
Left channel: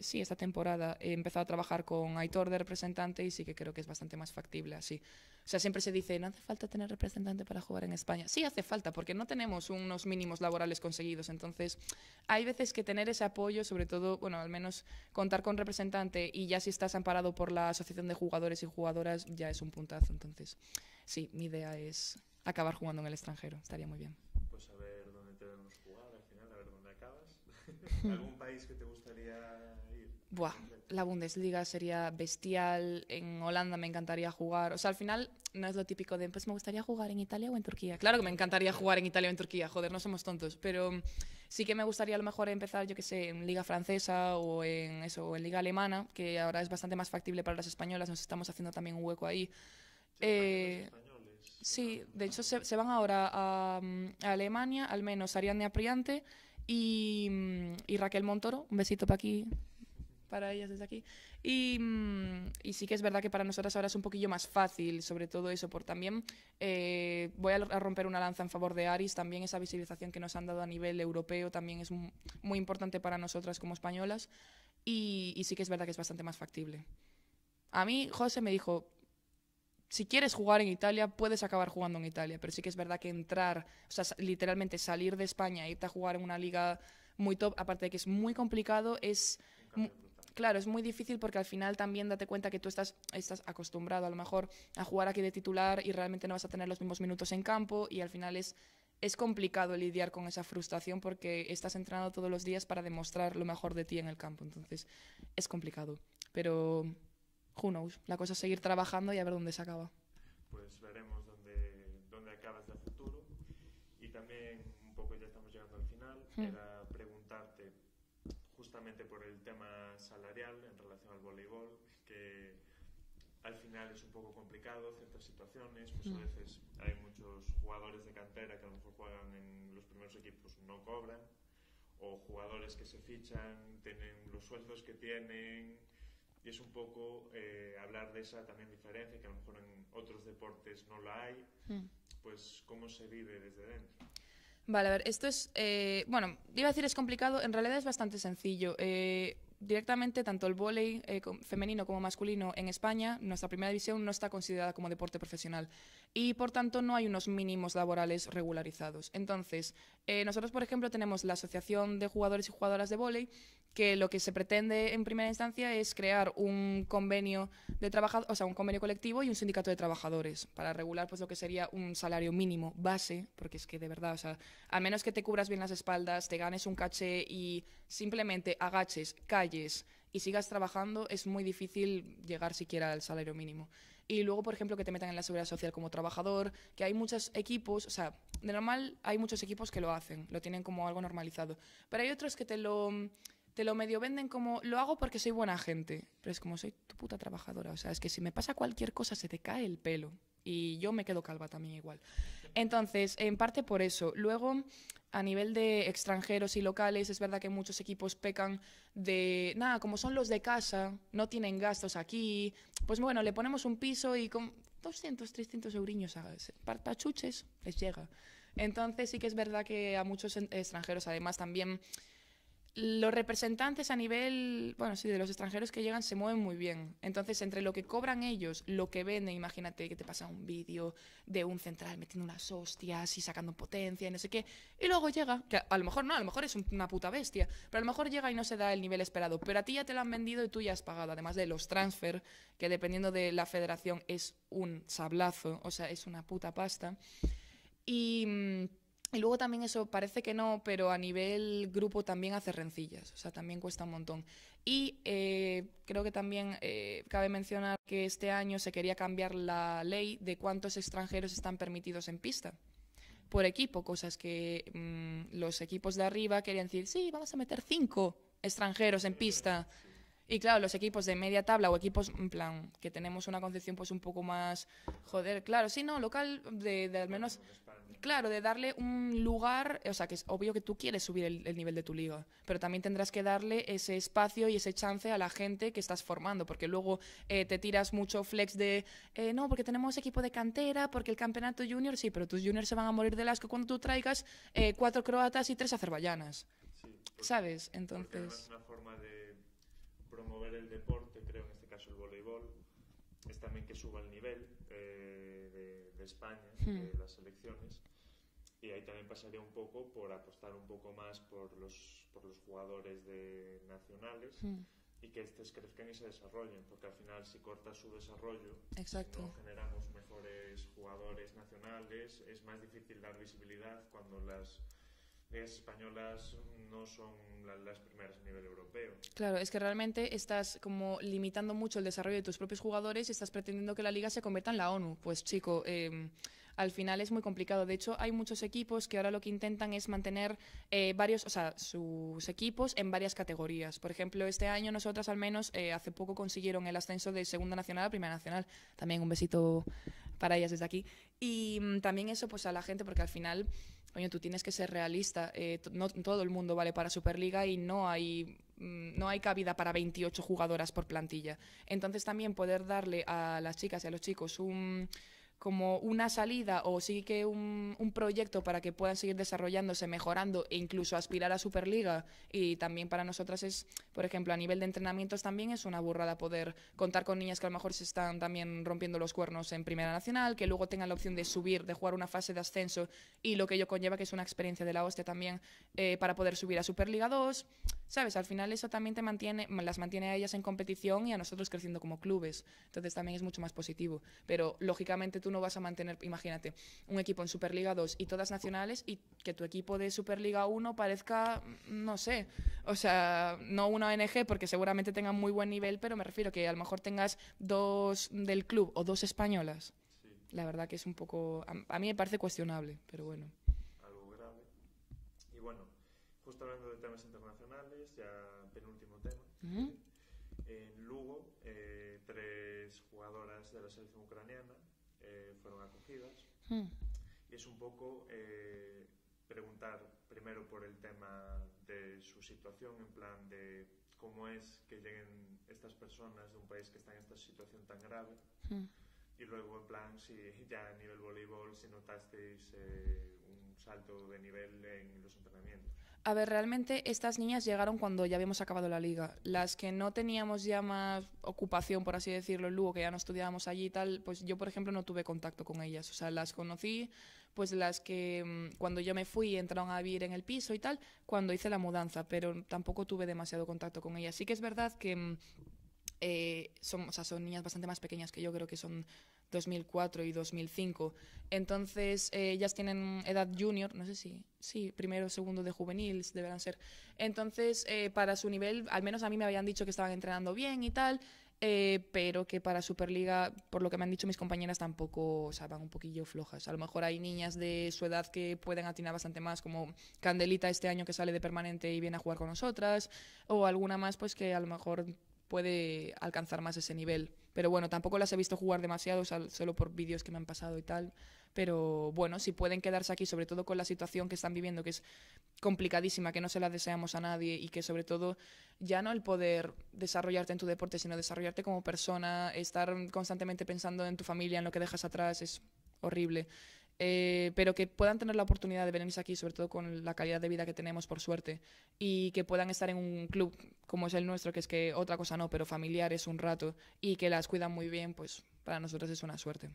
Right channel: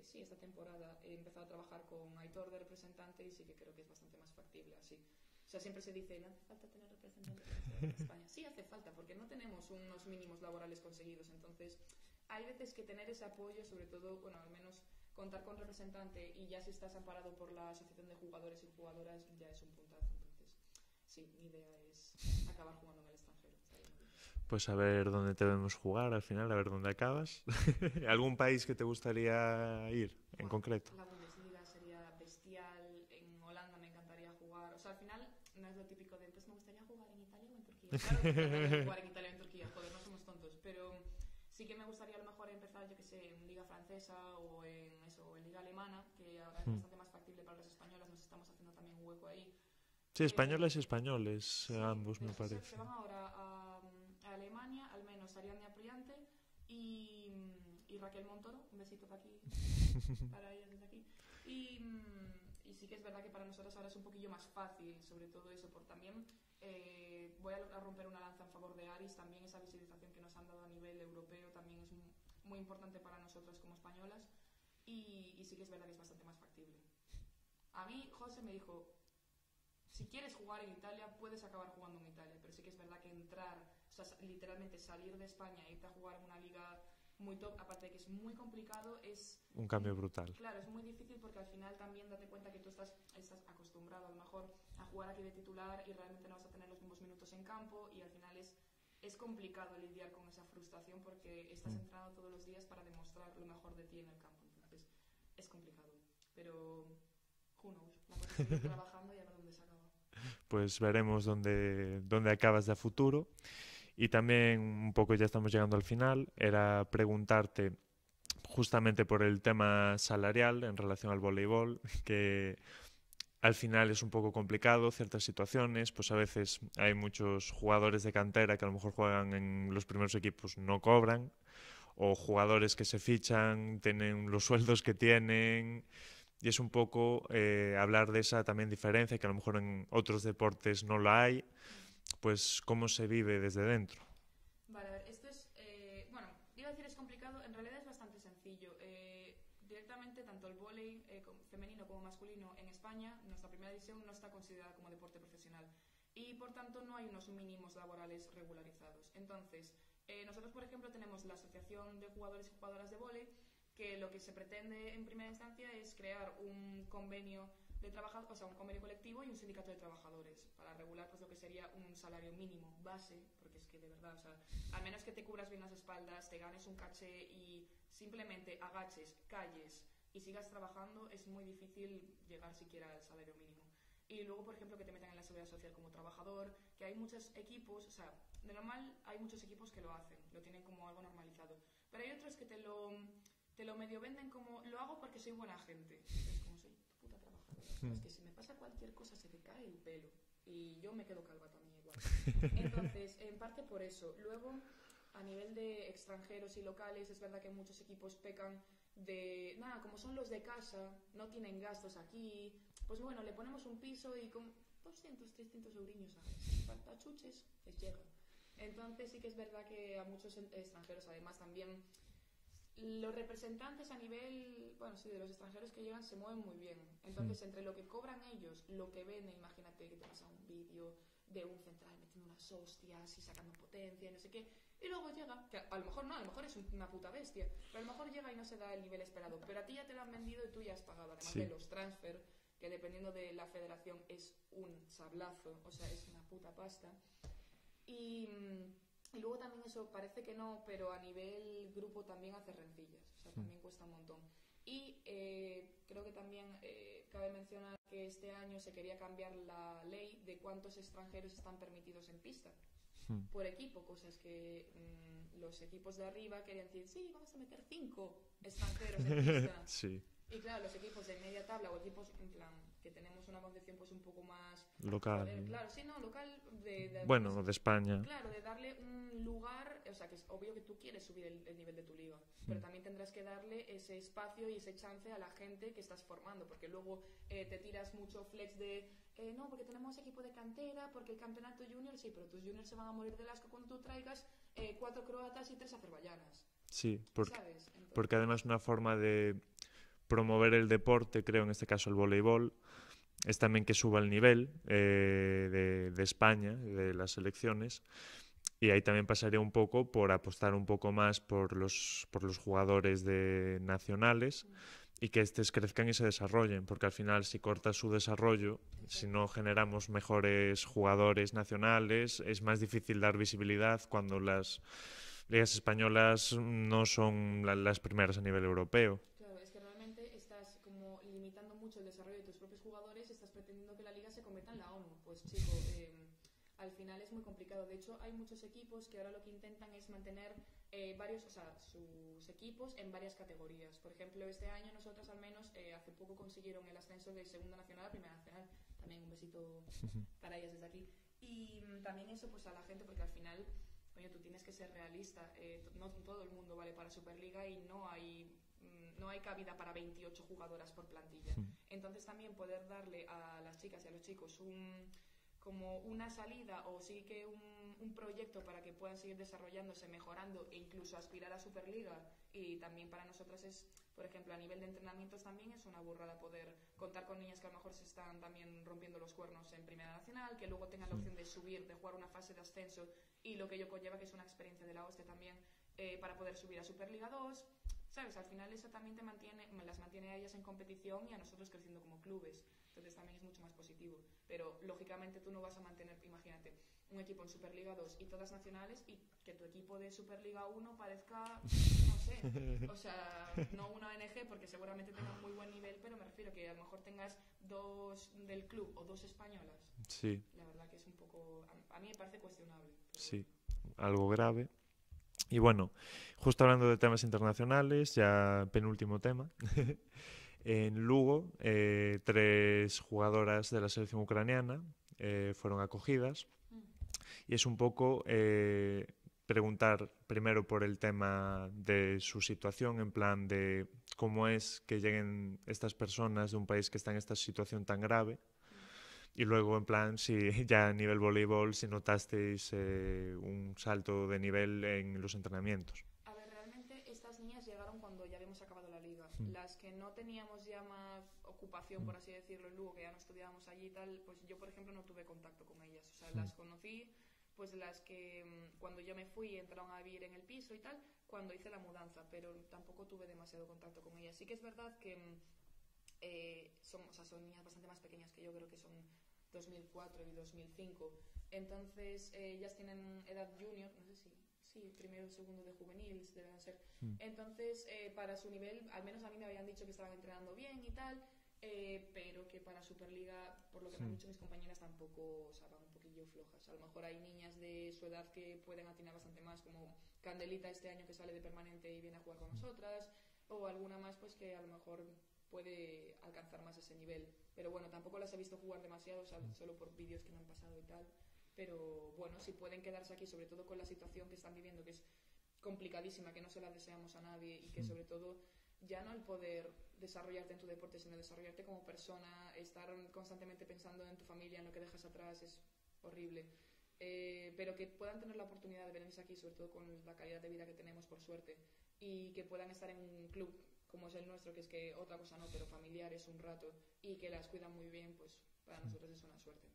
sí, esta temporada he empezado a trabajar con Aitor de representante y sí que creo que es bastante más factible así. O sea, siempre se dice, no hace falta tener representante para jugar en España. Sí hace falta, porque no tenemos unos mínimos laborales conseguidos. Entonces, hay veces que tener ese apoyo, sobre todo, bueno, al menos contar con representante y ya si estás amparado por la Asociación de Jugadores y Jugadoras, ya es un puntazo. Entonces, sí, mi idea es acabar jugando en el extranjero. Estaría muy bien. Pues a ver dónde te vemos jugar al final, a ver dónde acabas. ¿Algún país que te gustaría ir en concreto? La Bundesliga sería bestial, en Holanda me encantaría jugar. O sea, al final no es lo típico de, pues me gustaría jugar en Italia o en Turquía. Claro que me encantaría jugar en Italia o en Turquía, joder, no somos tontos. Pero sí que me gustaría a lo mejor empezar, yo que sé, en Liga Francesa o en eso, o en Liga Alemana, que ahora es bastante más factible para las españolas, nos estamos haciendo también un hueco ahí. Sí, españoles. Sí, ambos, de hecho se van ahora a Alemania, al menos Ariadne Apriante y Raquel Montoro. Un besito para aquí, para ellas desde aquí. Y sí que es verdad que para nosotras ahora es un poquillo más fácil, sobre todo eso, por también voy a romper una lanza en favor de Aris, también esa visibilización que nos han dado a nivel europeo también es muy importante para nosotras como españolas y sí que es verdad que es bastante más factible. A mí José me dijo, si quieres jugar en Italia, puedes acabar jugando en Italia, pero sí que es verdad que entrar, o sea, literalmente salir de España e irte a jugar en una liga muy top, aparte de que es muy complicado, es... Un cambio brutal. Claro, es muy difícil porque al final también date cuenta que tú estás acostumbrado a lo mejor a jugar aquí de titular y realmente no vas a tener los mismos minutos en campo y al final es complicado lidiar con esa frustración porque estás entrenando todos los días para demostrar lo mejor de ti en el campo, entonces es complicado, pero... Who knows? La cosa es seguir trabajando y a ver dónde se acaba. Pues veremos dónde acabas de a futuro. Y también, un poco ya estamos llegando al final, era preguntarte justamente por el tema salarial en relación al voleibol, que al final es un poco complicado, ciertas situaciones, pues a veces hay muchos jugadores de cantera que a lo mejor juegan en los primeros equipos, no cobran, o jugadores que se fichan, tienen los sueldos que tienen... Y es un poco hablar de esa también diferencia, que a lo mejor en otros deportes no la hay, pues cómo se vive desde dentro. Vale, a ver, esto es, bueno, iba a decir es complicado, en realidad es bastante sencillo. Directamente, tanto el vóley femenino como masculino en España, nuestra primera división no está considerada como deporte profesional y, por tanto, no hay unos mínimos laborales regularizados. Entonces, nosotros, por ejemplo, tenemos la Asociación de Jugadores y Jugadoras de Vóley, que lo que se pretende en primera instancia es crear un convenio de o sea, un convenio colectivo y un sindicato de trabajadores para regular pues lo que sería un salario mínimo base, porque es que de verdad, o sea, al menos que te cubras bien las espaldas, te ganes un caché y simplemente agaches, calles y sigas trabajando, es muy difícil llegar siquiera al salario mínimo. Y luego, por ejemplo, que te metan en la seguridad social como trabajador, que hay muchos equipos, o sea, de normal hay muchos equipos que lo hacen, lo tienen como algo normalizado, pero hay otros que te lo te lo medio venden como, lo hago porque soy buena gente, pero es como, soy tu puta trabajadora, o sea, es que si me pasa cualquier cosa se te cae el pelo, y yo me quedo calva también igual. Entonces, en parte por eso. Luego, a nivel de extranjeros y locales, es verdad que muchos equipos pecan de, nada, como son los de casa, no tienen gastos aquí, pues bueno, le ponemos un piso y con 200, 300 euriños para chuches les llega. Entonces sí que es verdad que a muchos extranjeros, además también los representantes a nivel, bueno, sí, de los extranjeros que llegan se mueven muy bien. Entonces, entre lo que cobran ellos, lo que venden, imagínate que te pasa un vídeo de un central metiendo unas hostias y sacando potencia y no sé qué, y luego llega, que a lo mejor no, a lo mejor es una puta bestia, pero a lo mejor llega y no se da el nivel esperado, pero a ti ya te lo han vendido y tú ya has pagado, además de los transfer, que dependiendo de la federación es un sablazo, o sea, es una puta pasta. Y luego también eso parece que no, pero a nivel grupo también hace rencillas, o sea, también cuesta un montón. Y creo que también cabe mencionar que este año se quería cambiar la ley de cuántos extranjeros están permitidos en pista por equipo, cosas que los equipos de arriba querían decir, sí, vamos a meter 5 extranjeros en pista. Sí. Y claro, los equipos de media tabla o equipos, en plan, que tenemos una concepción pues un poco más... Local. Joder, claro, sí, no, local Bueno, de España. Claro, de darle un lugar, o sea, que es obvio que tú quieres subir el nivel de tu liga, pero también tendrás que darle ese espacio y ese chance a la gente que estás formando, porque luego te tiras mucho flex de, no, porque tenemos equipo de cantera, porque el campeonato junior, sí, pero tus juniors se van a morir del asco cuando tú traigas 4 croatas y 3 azerbaiyanas. Sí, ¿Sabes? Entonces... porque además una forma de promover el deporte, creo en este caso el voleibol, es también que suba el nivel de España, de las selecciones, y ahí también pasaría un poco por apostar un poco más por los jugadores nacionales y que estos crezcan y se desarrollen, porque al final si cortas su desarrollo, si no generamos mejores jugadores nacionales, es más difícil dar visibilidad cuando las ligas españolas no son las primeras a nivel europeo. Claro, es que realmente estás como limitando mucho el desarrollo de tus propios jugadores y estás pretendiendo que la liga se convierta en la ONU. Pues chico, al final es muy complicado. De hecho, hay muchos equipos que ahora lo que intentan es mantener sus equipos en varias categorías. Por ejemplo, este año nosotras al menos hace poco consiguieron el ascenso de Segunda Nacional a Primera Nacional. También un besito para ellas desde aquí. Y también eso pues a la gente, porque al final... Coño, tú tienes que ser realista. No todo el mundo vale para Superliga y no hay cabida para 28 jugadoras por plantilla. Entonces también poder darle a las chicas y a los chicos como una salida o sí que un proyecto para que puedan seguir desarrollándose, mejorando e incluso aspirar a Superliga. Y también para nosotras es, por ejemplo, a nivel de entrenamientos también es una burrada poder contar con niñas que a lo mejor se están también rompiendo los cuernos en Primera Nacional, que luego tengan la opción de subir, de jugar una fase de ascenso y lo que ello conlleva, que es una experiencia de la hostia también para poder subir a Superliga 2. ¿Sabes? Al final eso también las mantiene a ellas en competición y a nosotros creciendo como clubes. Entonces también es mucho más positivo. Pero lógicamente tú no vas a mantener, imagínate, un equipo en Superliga 2 y todas nacionales y que tu equipo de Superliga 1 parezca, no sé, o sea, no una ONG porque seguramente tengan muy buen nivel, pero me refiero que a lo mejor tengas 2 del club o 2 españolas. Sí. La verdad que es un poco, a mí me parece cuestionable, pero sí, bueno. Algo grave. Y bueno, justo hablando de temas internacionales, ya penúltimo tema. En Lugo, 3 jugadoras de la selección ucraniana fueron acogidas. Y es un poco preguntar primero por el tema de su situación, en plan de cómo es que lleguen estas personas de un país que está en esta situación tan grave. Y luego, en plan, si ya a nivel voleibol, si notasteis un salto de nivel en los entrenamientos. A ver, realmente estas niñas llegaron cuando ya habíamos acabado la liga. Las que no teníamos ya más ocupación, por así decirlo, en Lugo, que ya no estudiábamos allí y tal, pues yo, por ejemplo, no tuve contacto con ellas. O sea, las conocí, pues las que cuando yo me fui entraron a vivir en el piso y tal, cuando hice la mudanza, pero tampoco tuve demasiado contacto con ellas. Sí que es verdad que son niñas bastante más pequeñas que yo, creo que son 2004 y 2005. Entonces, ellas tienen edad junior, no sé si primero o segundo de juveniles deberán ser. Entonces, para su nivel, al menos a mí me habían dicho que estaban entrenando bien y tal. pero que para Superliga, por lo que me han dicho mis compañeras, tampoco, o sea, van un poquillo flojas. A lo mejor hay niñas de su edad que pueden atinar bastante más, como Candelita este año que sale de permanente y viene a jugar con nosotras, o alguna más pues que a lo mejor puede alcanzar más ese nivel. Pero bueno, tampoco las he visto jugar demasiado, solo por vídeos que me han pasado y tal. Pero bueno, si pueden quedarse aquí, sobre todo con la situación que están viviendo, que es complicadísima, que no se la deseamos a nadie y que sobre todo ya no el poder desarrollarte en tu deporte, sino desarrollarte como persona, estar constantemente pensando en tu familia, en lo que dejas atrás, es horrible. Pero que puedan tener la oportunidad de venirse aquí, sobre todo con la calidad de vida que tenemos, por suerte, y que puedan estar en un club como es el nuestro, que es que otra cosa no, pero familiar es un rato, y que las cuidan muy bien, pues para nosotros es una suerte.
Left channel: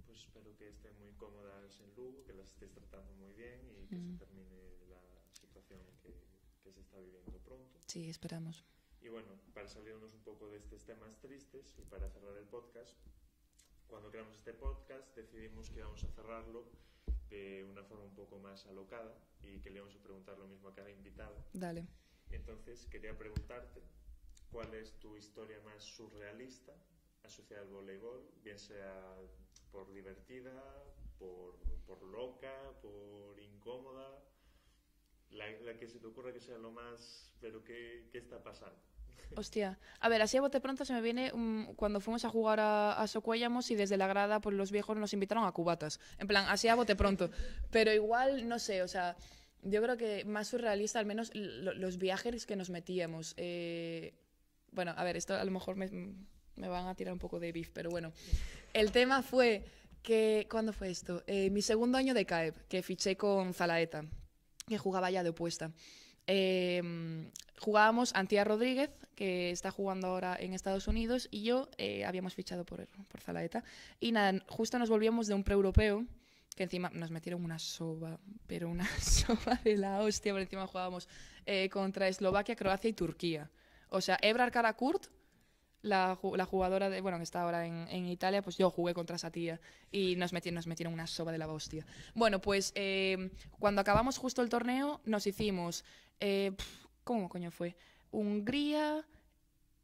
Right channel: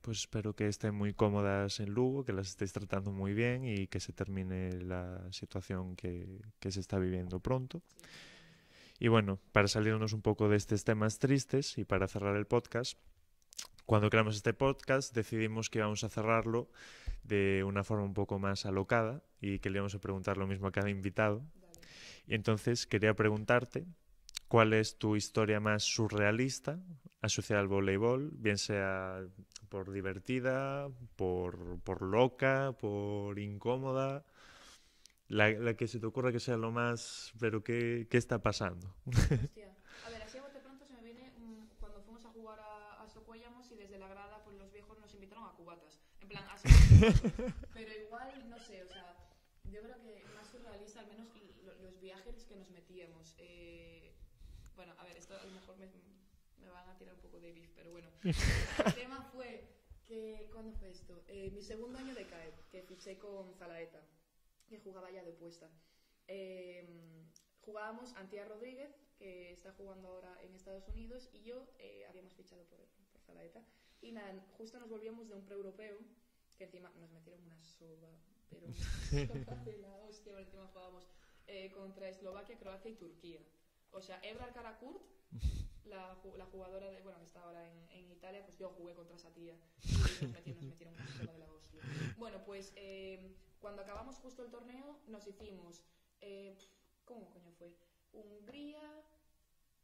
Pues espero que estén muy cómodas en Lugo, que las estéis tratando muy bien y que se termine la situación que se está viviendo pronto. Sí, esperamos. Y bueno, para salirnos un poco de estos temas tristes y para cerrar el podcast, cuando creamos este podcast decidimos que íbamos a cerrarlo de una forma un poco más alocada y que le íbamos a preguntar lo mismo a cada invitado. Dale. Y entonces quería preguntarte cuál es tu historia más surrealista asociada al voleibol, bien sea por divertida, por loca, por incómoda, la que se te ocurra que sea lo más... Pero ¿qué está pasando? Hostia. A ver, así a bote pronto se me viene cuando fuimos a jugar a Socuéllamos y desde la grada pues los viejos nos invitaron a cubatas. En plan, así a bote pronto. Pero igual, no sé, o sea, yo creo que más surrealista, al menos los viajes que nos metíamos. Bueno, a ver, esto a lo mejor me van a tirar un poco de beef, pero bueno. El tema fue que... ¿Cuándo fue esto? Mi segundo año de CAEB, que fiché con Zalaeta, que jugaba ya de opuesta. Jugábamos Antía Rodríguez, que está jugando ahora en Estados Unidos, y yo habíamos fichado por Zalaeta. Y nada, justo nos volvíamos de un pre-europeo, que encima nos metieron una soba, pero una soba de la hostia, por encima jugábamos contra Eslovaquia, Croacia y Turquía. O sea, Ebrar Karakurt, la jugadora de, bueno, que está ahora en Italia, pues yo jugué contra esa tía y nos metieron una soba de la hostia. Bueno, pues cuando acabamos justo el torneo nos hicimos, ¿cómo coño fue? Hungría,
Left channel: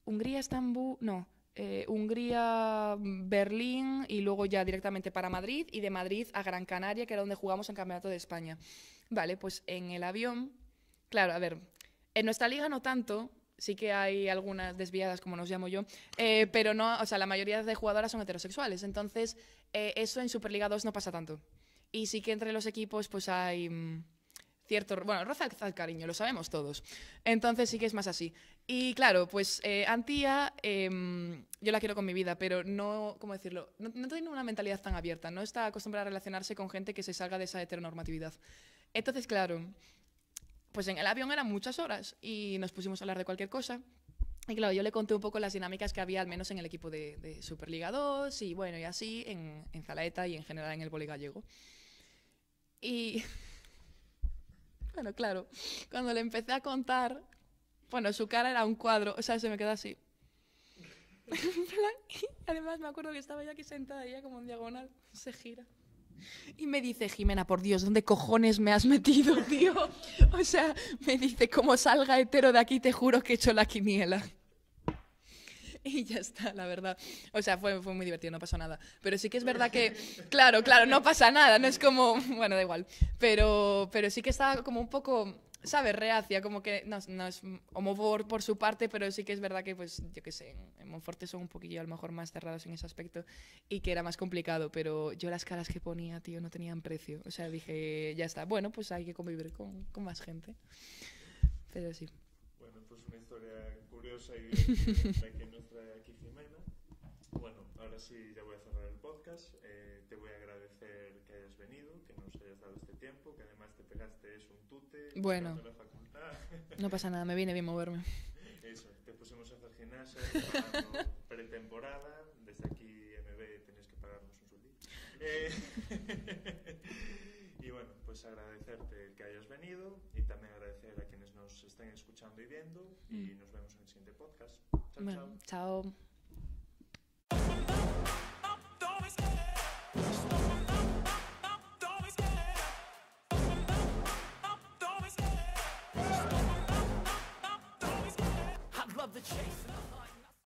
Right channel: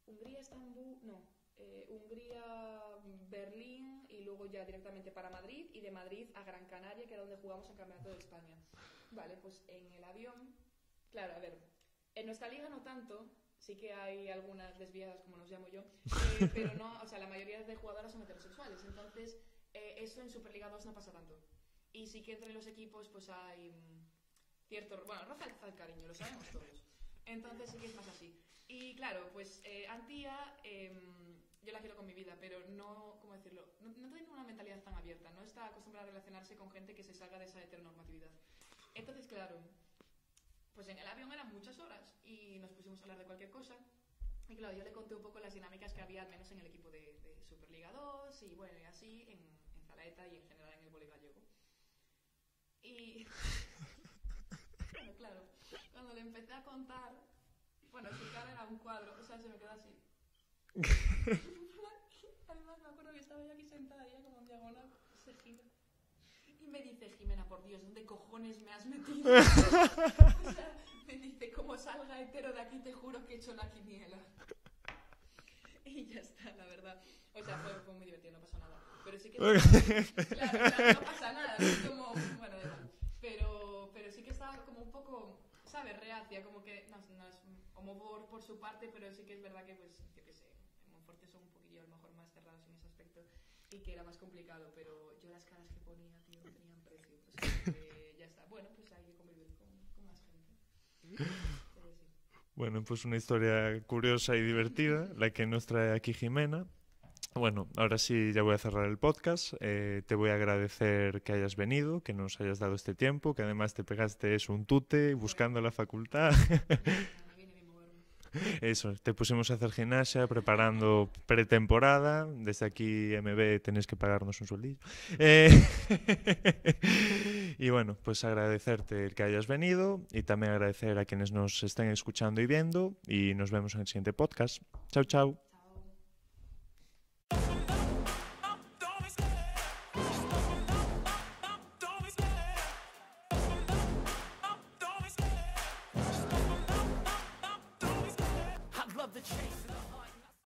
Estambul, no, Hungría, Berlín y luego ya directamente para Madrid y de Madrid a Gran Canaria, que era donde jugamos en Campeonato de España. Vale, pues en el avión, claro, a ver, en nuestra liga no tanto. Sí que hay algunas desviadas, como nos llamo yo, pero no, o sea, la mayoría de jugadoras son heterosexuales, entonces eso en Superliga 2 no pasa tanto. Y sí que entre los equipos pues hay cierto, bueno, roza el cariño, lo sabemos todos. Entonces sí que es más así. Y claro, pues Antía, yo la quiero con mi vida, pero no, ¿cómo decirlo? No tiene una mentalidad tan abierta, no está acostumbrada a relacionarse con gente que se salga de esa heteronormatividad. Entonces, claro, pues en el avión eran muchas horas y nos pusimos a hablar de cualquier cosa. Y claro, yo le conté un poco las dinámicas que había, al menos en el equipo de Superliga 2 y bueno, y así en Zalaeta y en general en el vóley gallego. Y bueno, claro, cuando le empecé a contar, bueno, su cara era un cuadro, o sea, se me quedó así. Además me acuerdo que estaba yo aquí sentada y ella como en diagonal se gira. Y me dice, Jimena, por Dios, ¿dónde cojones me has metido, tío? O sea, me dice, como salga hetero de aquí, te juro que he hecho la quiniela. Y ya está, la verdad. O sea, fue muy divertido, no pasó nada. Pero sí que es verdad que, claro, no pasa nada, no es como, bueno, da igual. Pero sí que estaba como un poco, ¿sabes? Reacia, como que no es homófobo por su parte, pero sí que es verdad que, pues, yo qué sé, en Monforte son un poquillo a lo mejor más cerrados en ese aspecto y que era más complicado, pero yo las caras que ponía, tío, no tenían precio. O sea, dije, ya está, bueno, pues hay que convivir con más gente. Pero sí. Bueno, pues una historia curiosa y divertida, la que nos trae aquí Jimena. Bueno, ahora sí ya voy a cerrar el podcast. Te voy a agradecer que hayas venido, que nos hayas dado este tiempo, que además te pegaste un tute buscando la facultad. No pasa nada, me viene bien moverme. Eso, te pusimos a hacer gimnasia, preparando pretemporada. Desde aquí, MB, tenéis que pagarnos un sueldillo. Y bueno, pues agradecerte el que hayas venido y también agradecer a quienes nos estén escuchando y viendo. Y nos vemos en el siguiente podcast. Chao, chao. Chao. The chase